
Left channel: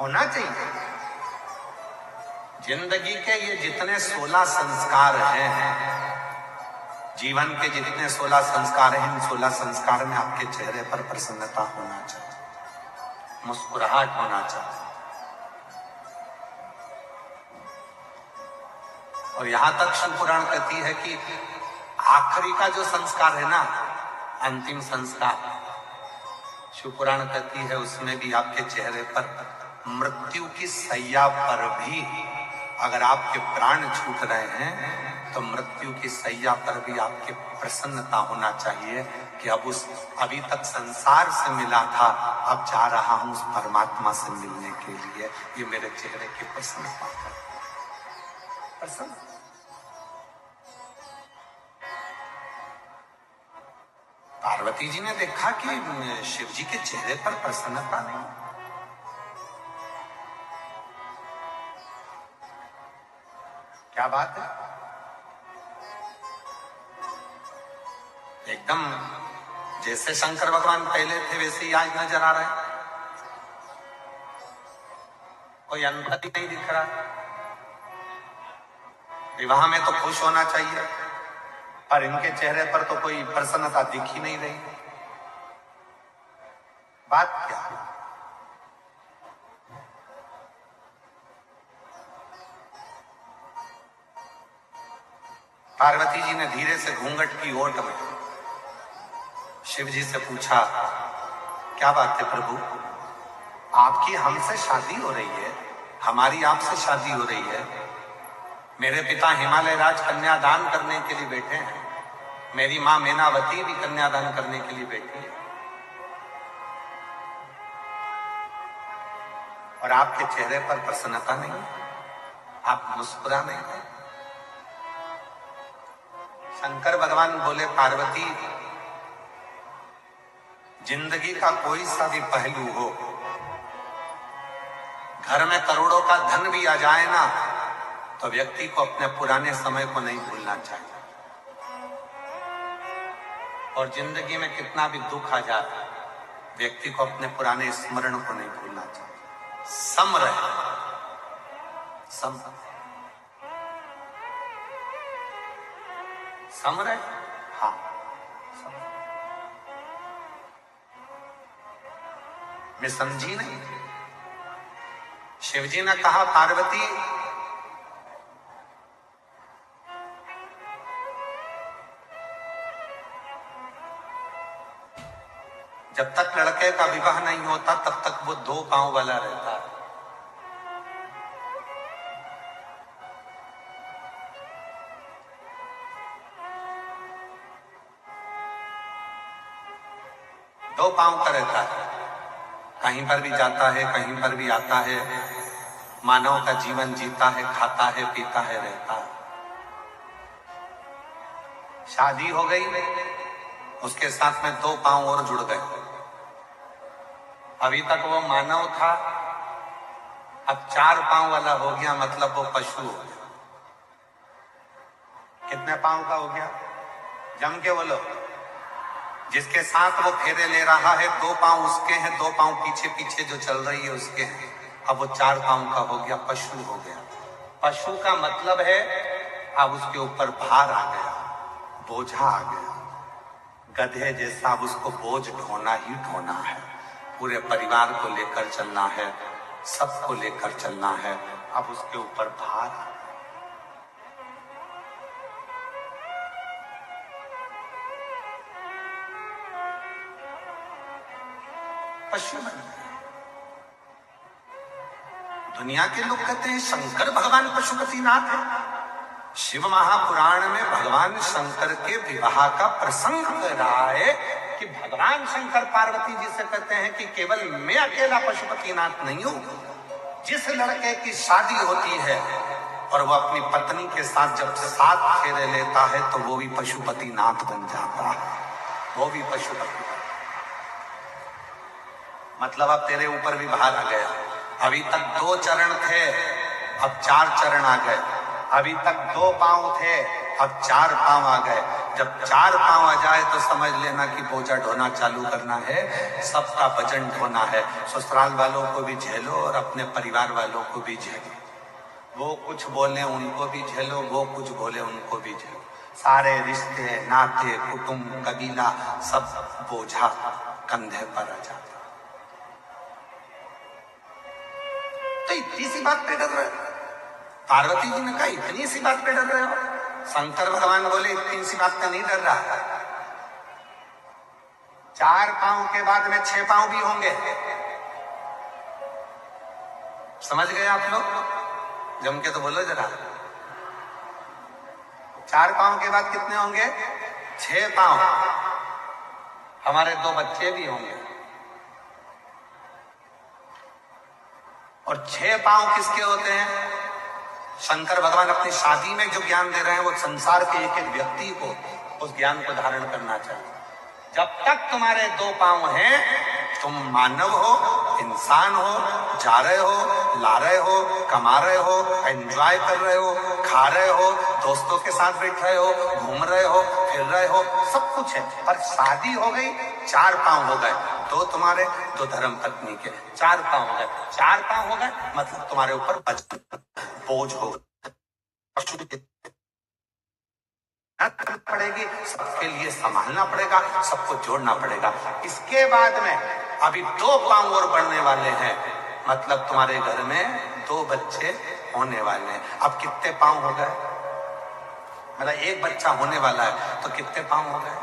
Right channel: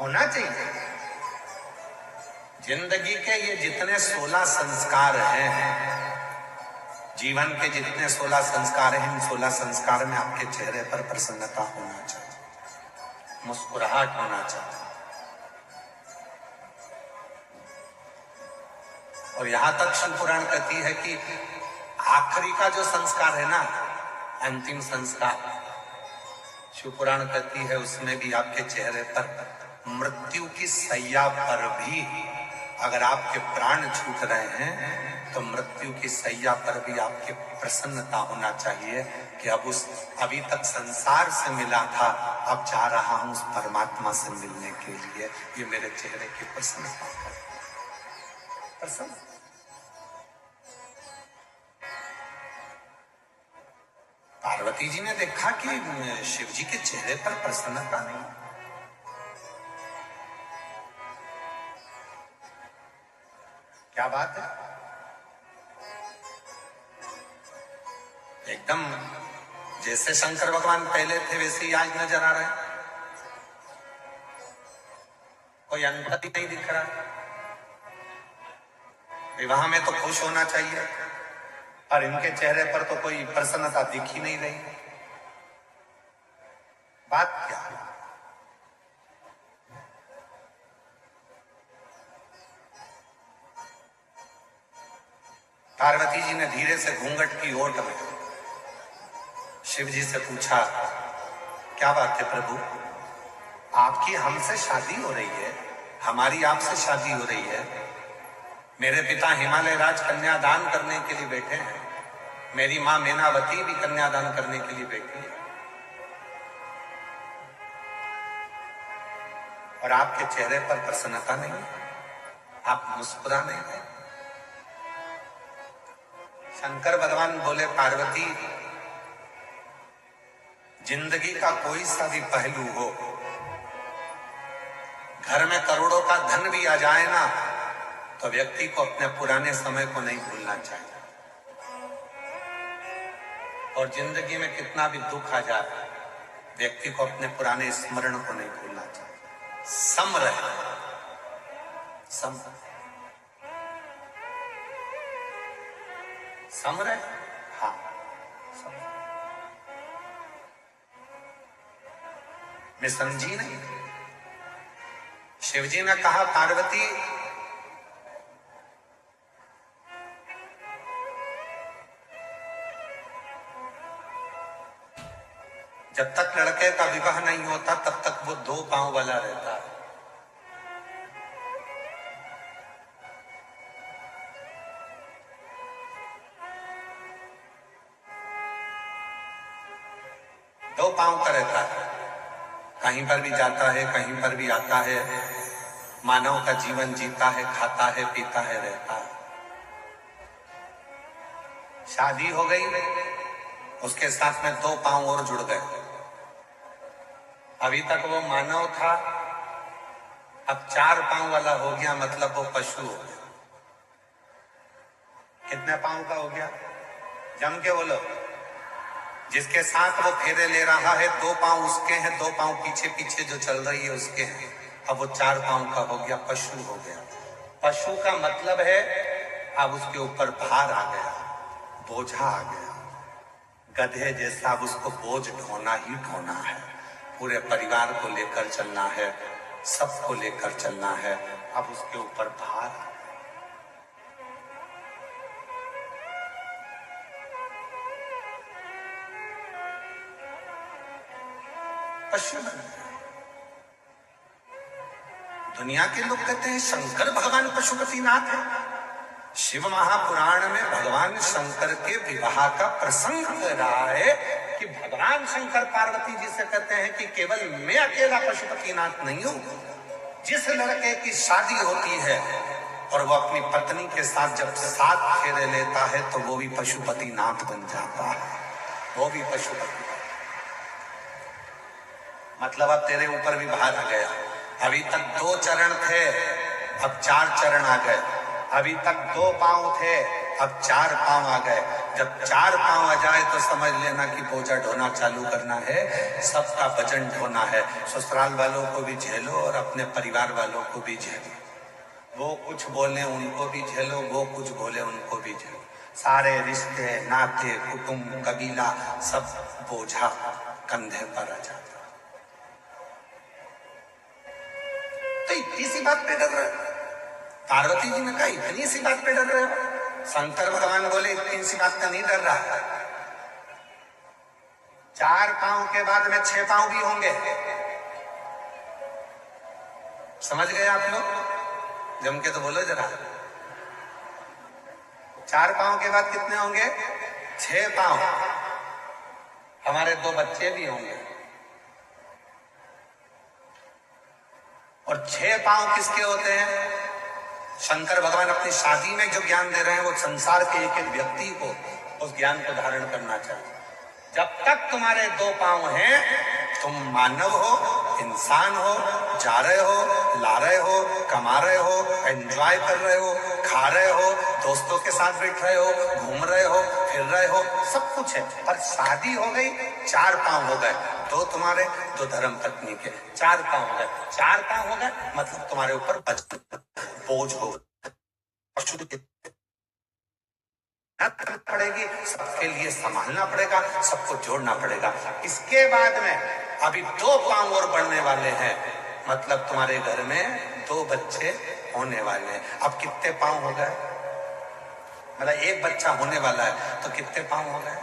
होना चाहिए। जिंदगी के ये जितने 16 संस्कार हैं, जीवन के जितने 16 संस्कार हैं, इन 16 संस्कार में आपके चेहरे पर प्रसन्नता होना चाहिए, मुस्कुराहट होना चाहिए। और यहां तक शिव पुराण कहती है कि आखिरी का जो संस्कार है ना, अंतिम संस्कार, शिव पुराण कहती है उसमें भी आपके चेहरे पर मृत्यु की सैया पर भी अगर आपके प्राण छूट रहे हैं तो मृत्यु की सैया पर भी आपके प्रसन्नता होना चाहिए कि अब उस अभी तक संसार से मिला था, अब जा रहा हूं उस परमात्मा से मिलने के लिए। ये मेरे चेहरे की प्रसन्नता है, प्रसन्न। पार्वती जी ने देखा कि शिव जी के चेहरे पर प्रसन्नता नहीं। क्या बात है, एकदम जैसे शंकर भगवान पहले थे वैसे ही आज नजर आ रहे हैं, कोई अंतर ही नहीं दिख रहा। विवाह में तो खुश होना चाहिए, और इनके चेहरे पर तो कोई प्रसन्नता दिख ही नहीं रही। बात क्या? पार्वती जी ने धीरे से घूंघट की ओट में शिव जी से पूछा, क्या बात है प्रभु, आपकी हमसे शादी हो रही है, हमारी आपसे शादी हो रही है। मेरे पिता हिमालय राज कन्यादान करने के लिए बैठे हैं, मेरी मां मैनावती भी कन्यादान करने के लिए बैठी है, और आपके चेहरे पर प्रसन्नता नहीं, आप मुस्कुरा नहीं है। शंकर भगवान बोले, पार्वती, जिंदगी का कोई सा भी पहलू हो, घर में करोड़ों का धन भी आ जाए ना, तो व्यक्ति को अपने पुराने समय को नहीं भूलना चाहिए। और जिंदगी में कितना भी दुख आ जाए, व्यक्ति को अपने पुराने स्मरण को नहीं भूलना चाहिए। सम रहे, सम सम रहे, हाँ सम। मैं समझी नहीं। शिवजी ने कहा, पार्वती, जब तक लड़के का विवाह नहीं होता तब तक वो 2 पांव वाला रहता है। दो पांव का रहता है, कहीं पर भी जाता है, कहीं पर भी आता है, मानव का जीवन जीता है, खाता है, पीता है, रहता है। शादी हो गई, उसके साथ में 2 पांव और जुड़ गए। अभी तक वो मानव था, अब 4 पांव वाला हो गया, मतलब वो पशु हो गया। कितने पांव का हो गया? जम के बोलो। जिसके साथ वो फेरे ले रहा है 2 पांव उसके हैं, 2 पांव पीछे पीछे जो चल रही है उसके हैं। अब वो 4 पांव का हो गया, पशु हो गया। पशु का मतलब है अब उसके ऊपर भार आ गया, बोझा आ गया। गधे जैसा अब उसको बोझ ढोना ही ढोना है, पूरे परिवार को लेकर चलना है, सबको लेकर चलना है। अब उसके ऊपर भार आ गया। पशु बन गए। दुनिया के लोग कहते हैं शंकर भगवान पशुपतिनाथ है। शिव महापुराण में भगवान शंकर के विवाह का प्रसंग कर रहा है कि भगवान शंकर पार्वती जी से कहते हैं कि केवल मैं अकेला पशुपतिनाथ नहीं हूं। जिस लड़के की शादी होती है और वो अपनी पत्नी के साथ जब 7 फेरे लेता है तो वो भी पशुपतिनाथ बन जाता है, वो भी पशुपति। मतलब अब तेरे ऊपर भी भार आ गया। अभी तक 2 चरण थे, अब 4 चरण आ गए। अभी तक 2 पांव थे, अब 4 पांव आ गए। जब 4 पांव आ जाए तो समझ लेना कि बोझा ढोना चालू करना है, सबका वजन ढोना है। ससुराल वालों को भी झेलो और अपने परिवार वालों को भी झेलो। वो कुछ बोले उनको भी झेलो, वो कुछ बोले उनको भी झेलो। सारे रिश्ते, नाते, कुटुंब, कबीला, सब बोझा कंधे पर आ जाता। तो इतनी सी बात पे डर रहे हो? पार्वती जी ने कहा इतनी सी बात पे डर रहे हो? शंकर भगवान बोले इतनी सी बात का नहीं डर रहा। 4 पांव के बाद में 6 पांव भी होंगे। समझ गए आप लोग? जम के तो बोलो जरा। 4 पांव के बाद कितने होंगे? 6 पांव। हमारे 2 बच्चे भी होंगे। और 6 पांव किसके होते हैं? शंकर भगवान अपनी शादी में जो ज्ञान दे रहे हैं वो संसार के एक एक व्यक्ति को उस ज्ञान को धारण करना चाहिए। जब तक तुम्हारे 2 पांव हैं, तुम मानव हो, इंसान हो, जा रहे हो, ला रहे हो, कमा रहे हो, एंजॉय कर रहे हो, खा रहे हो, दोस्तों के साथ बैठ रहे हो, घूम रहे हो, फिर रहे हो, सब कुछ है। पर शादी हो गई, 4 पांव हो गए। 2 तुम्हारे, 2 धर्म पत्नी के, 4 पांव हो गए। 4 पांव हो गए मतलब तुम्हारे ऊपर बोझ हो पड़ेगी, सबके लिए संभालना पड़ेगा, सबको जोड़ना पड़ेगा। इसके बाद में अभी 2 पांव और बढ़ने वाले हैं, मतलब तुम्हारे घर में 2 बच्चे होने वाले हैं। अब कितने पांव हो गए? मतलब 1 बच्चा होने वाला है तो कितने पांव हो गए?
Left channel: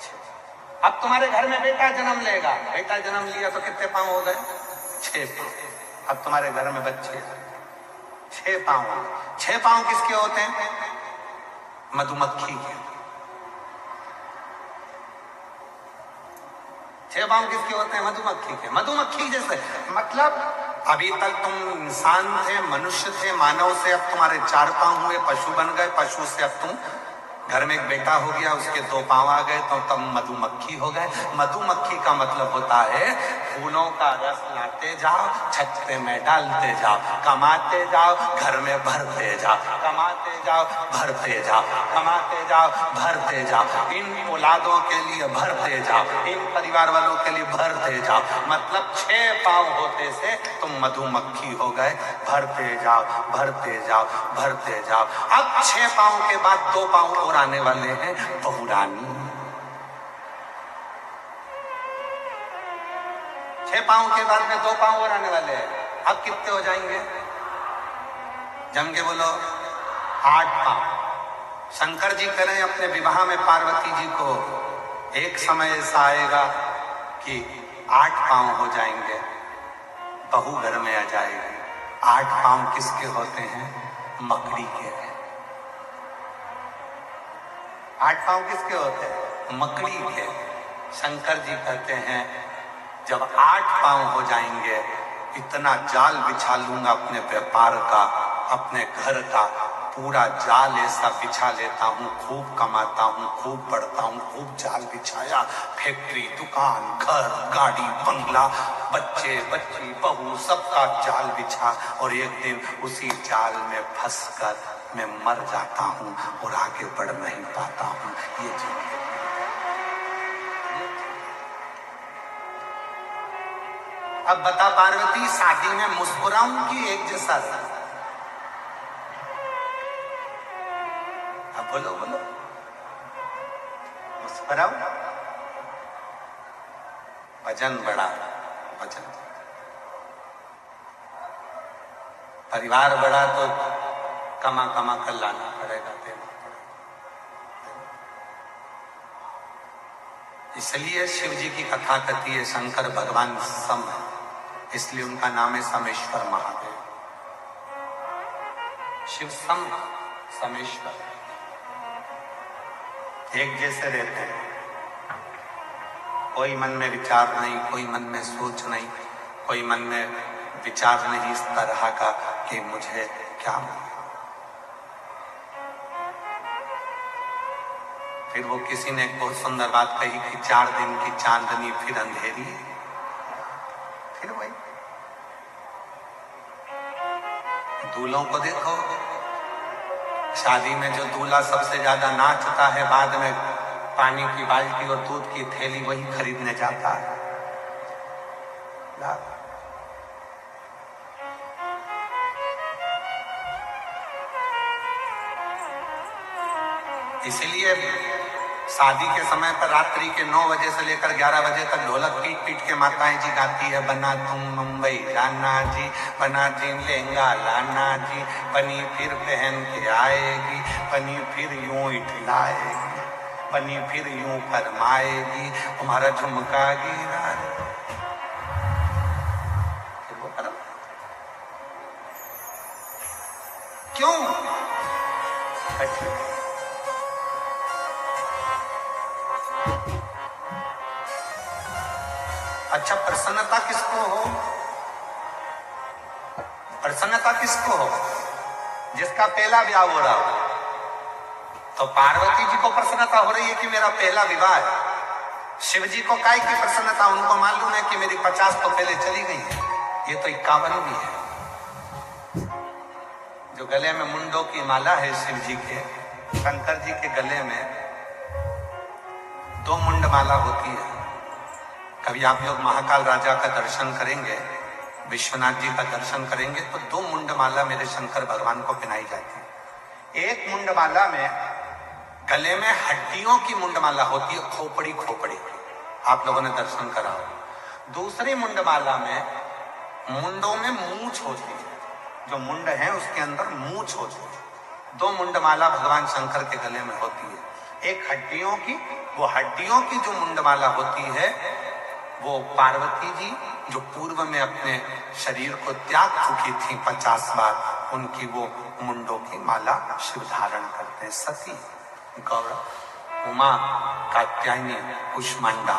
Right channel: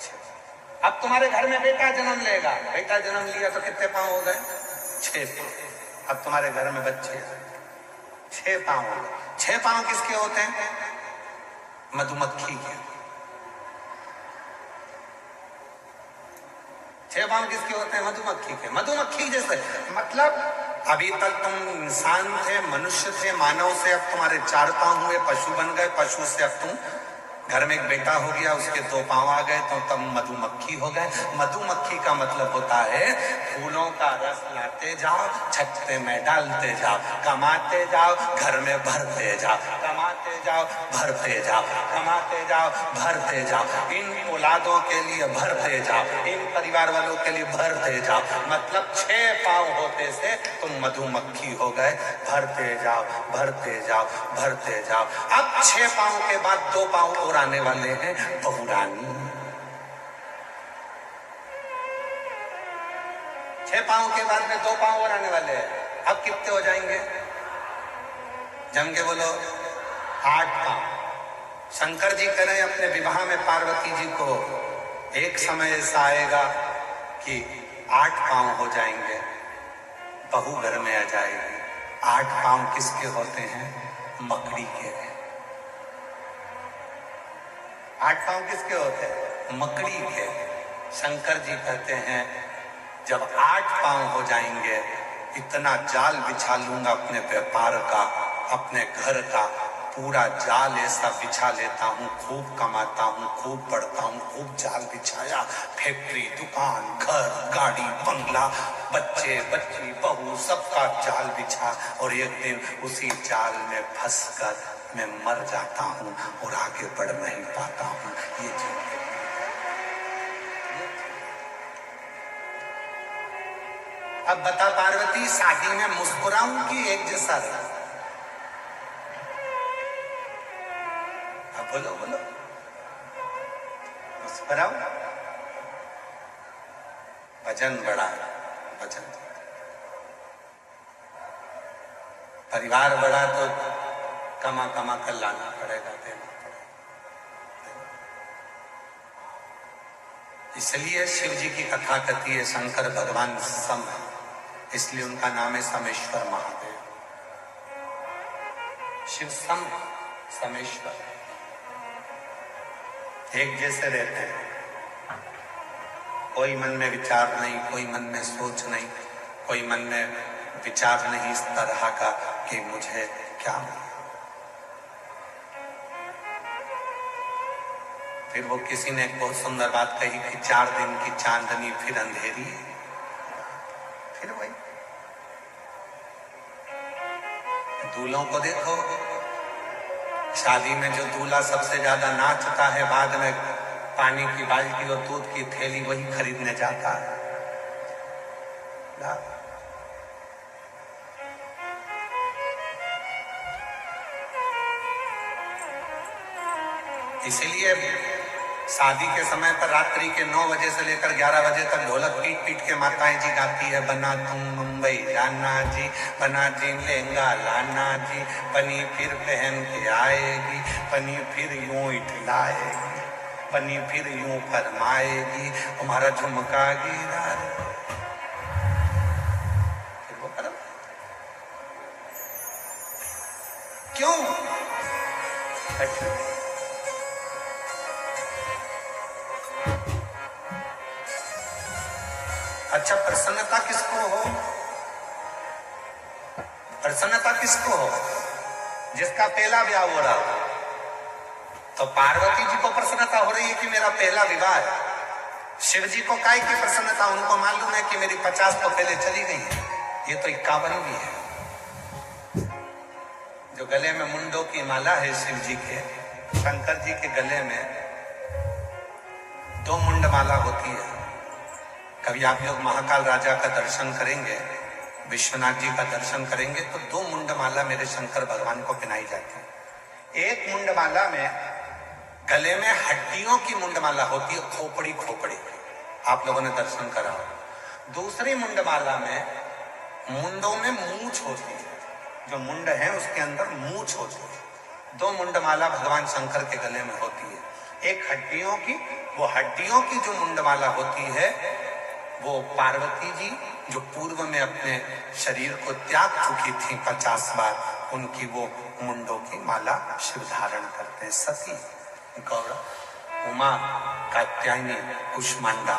6। अब तुम्हारे घर में बेटा जन्म लेगा, बेटा जन्म लिया तो कितने पांव हो गए? 6 पांव। अब तुम्हारे घर में बच्चे 6 पांव हो गए। 6 पांव किसके होते हैं? मधुमक्खी के। 6 पांव किसके होते हैं? मधुमक्खी के। मधुमक्खी जैसे, मतलब अभी तक तुम इंसान थे, मनुष्य थे, मानव से अब तुम्हारे 4 पांव हुए, पशु बन गए, पशु से अब तुम घर में एक बेटा हो गया, उसके 2 पांव आ गए तो तब मधुमक्खी हो गए। मधुमक्खी का मतलब होता है फूलों का रस लाते जाओ, छत्ते में डालते जाओ, कमाते जाओ, घर में भरते जाओ, कमाते जाओ, भरते जाओ, कमाते जाओ, भरते जाओ, इन औलादों के लिए भरते जाओ, इन परिवार वालों के लिए भरते जाओ। मतलब 6 पांव होते से तुम मधुमक्खी हो गए, भरते जाओ, भरते जाओ, भरते जाओ। अब 6 पांव के बाद 2 पांव और आने वाले हैं, बहुरानी। 6 पांव के बाद में 2 पांव और आने वाले हैं। अब कितने हो जाएंगे? जम के बोलो। 8 पांव। शंकर जी करें अपने विवाह में पार्वती जी को, एक समय ऐसा आएगा कि 8 पांव हो जाएंगे, बहू घर में आ जाएगी। 8 पांव किसके होते हैं? मकड़ी के। 8 पांव किसके होते हैं? मकड़ी के। शंकर जी कहते हैं जब 8 पांव हो जाएंगे, इतना जाल बिछा लूंगा अपने व्यापार का, अपने घर का, पूरा जाल ऐसा बिछा लेता हूँ, खूब कमाता हूँ, खूब बढ़ता हूँ, खूब जाल बिछाया, फैक्ट्री, दुकान, घर, गाड़ी, बंगला, बच्चे, बच्ची, बहू, सबका जाल बिछा, और एक दिन उसी जाल में फंसकर मैं मर जाता हूं और आगे बढ़ नहीं पाता हूं। ये जीवन अब बता पार्वती, शादी में मुस्कुराऊं कि एक जैसा रहूं? अब बोलो बोलो, मुस्कुराऊं? वजन बढ़ा, वजन, परिवार बढ़ा तो कमा कमा कर लाना पड़ेगा, देना पड़ेगा। इसलिए शिव जी की कथा कहती है शंकर भगवान सम है, इसलिए उनका नाम है समेश्वर महादेव। शिव सम, समेश्वर, एक जैसे रहते हैं। कोई मन में विचार नहीं, कोई मन में सोच नहीं, कोई मन में विचार नहीं इस तरह का कि मुझे क्या मिले। फिर वो किसी ने एक बहुत सुंदर बात कही कि 4 दिन की चांदनी फिर अंधेरी, फिर वही। दूल्हों को देखो, शादी में जो दूल्हा सबसे ज्यादा नाचता है, बाद में पानी की बाल्टी और दूध की थैली वही खरीदने जाता है। इसलिए शादी के समय पर रात्रि के 9 बजे से लेकर 11 बजे तक ढोलक पीट पीट के माताएं जी गाती है, बना तुम मुंबई जाना जी, बना जी लहंगा लाना जी, बनी फिर पहन के आएगी, बनी फिर यूं इठलाएगी, बनी फिर यूं फरमाएगी, हमारा झुमका गिरा। फिर वो करो क्यों? अच्छा, प्रसन्नता किसको हो? प्रसन्नता किसको हो? जिसका पहला विवाह हो रहा हो। तो पार्वती जी को प्रसन्नता हो रही है कि मेरा पहला विवाह है। शिव जी को काय की प्रसन्नता? उनको मालूम है कि मेरी 50 तो पहले चली गई है, ये तो 51 भी है। जो गले में मुंडों की माला है शिव जी के, शंकर जी के गले में 2 मुंड माला होती है। कभी आप लोग महाकाल राजा का दर्शन करेंगे, विश्वनाथ जी का दर्शन करेंगे तो 2 मुंडमाला मेरे शंकर भगवान को पहनाई जाती है। एक मुंडमाला में गले में हड्डियों की मुंडमाला होती है, खोपड़ी खोपड़ी, आप लोगों ने दर्शन करा हो। दूसरी मुंडमाला में मुंडों में मूंछ होती है, जो मुंड है उसके अंदर मूंछ होती है। 2 मुंडमाला भगवान शंकर के गले में होती है। एक हड्डियों की, वो हड्डियों की जो मुंडमाला होती है वो पार्वती जी जो पूर्व में अपने शरीर को त्याग चुकी थी 50 बार, उनकी वो मुंडों की माला शिव धारण करते हैं। सती, गौरव, उमा, कात्यायनी, कुष्मांडा।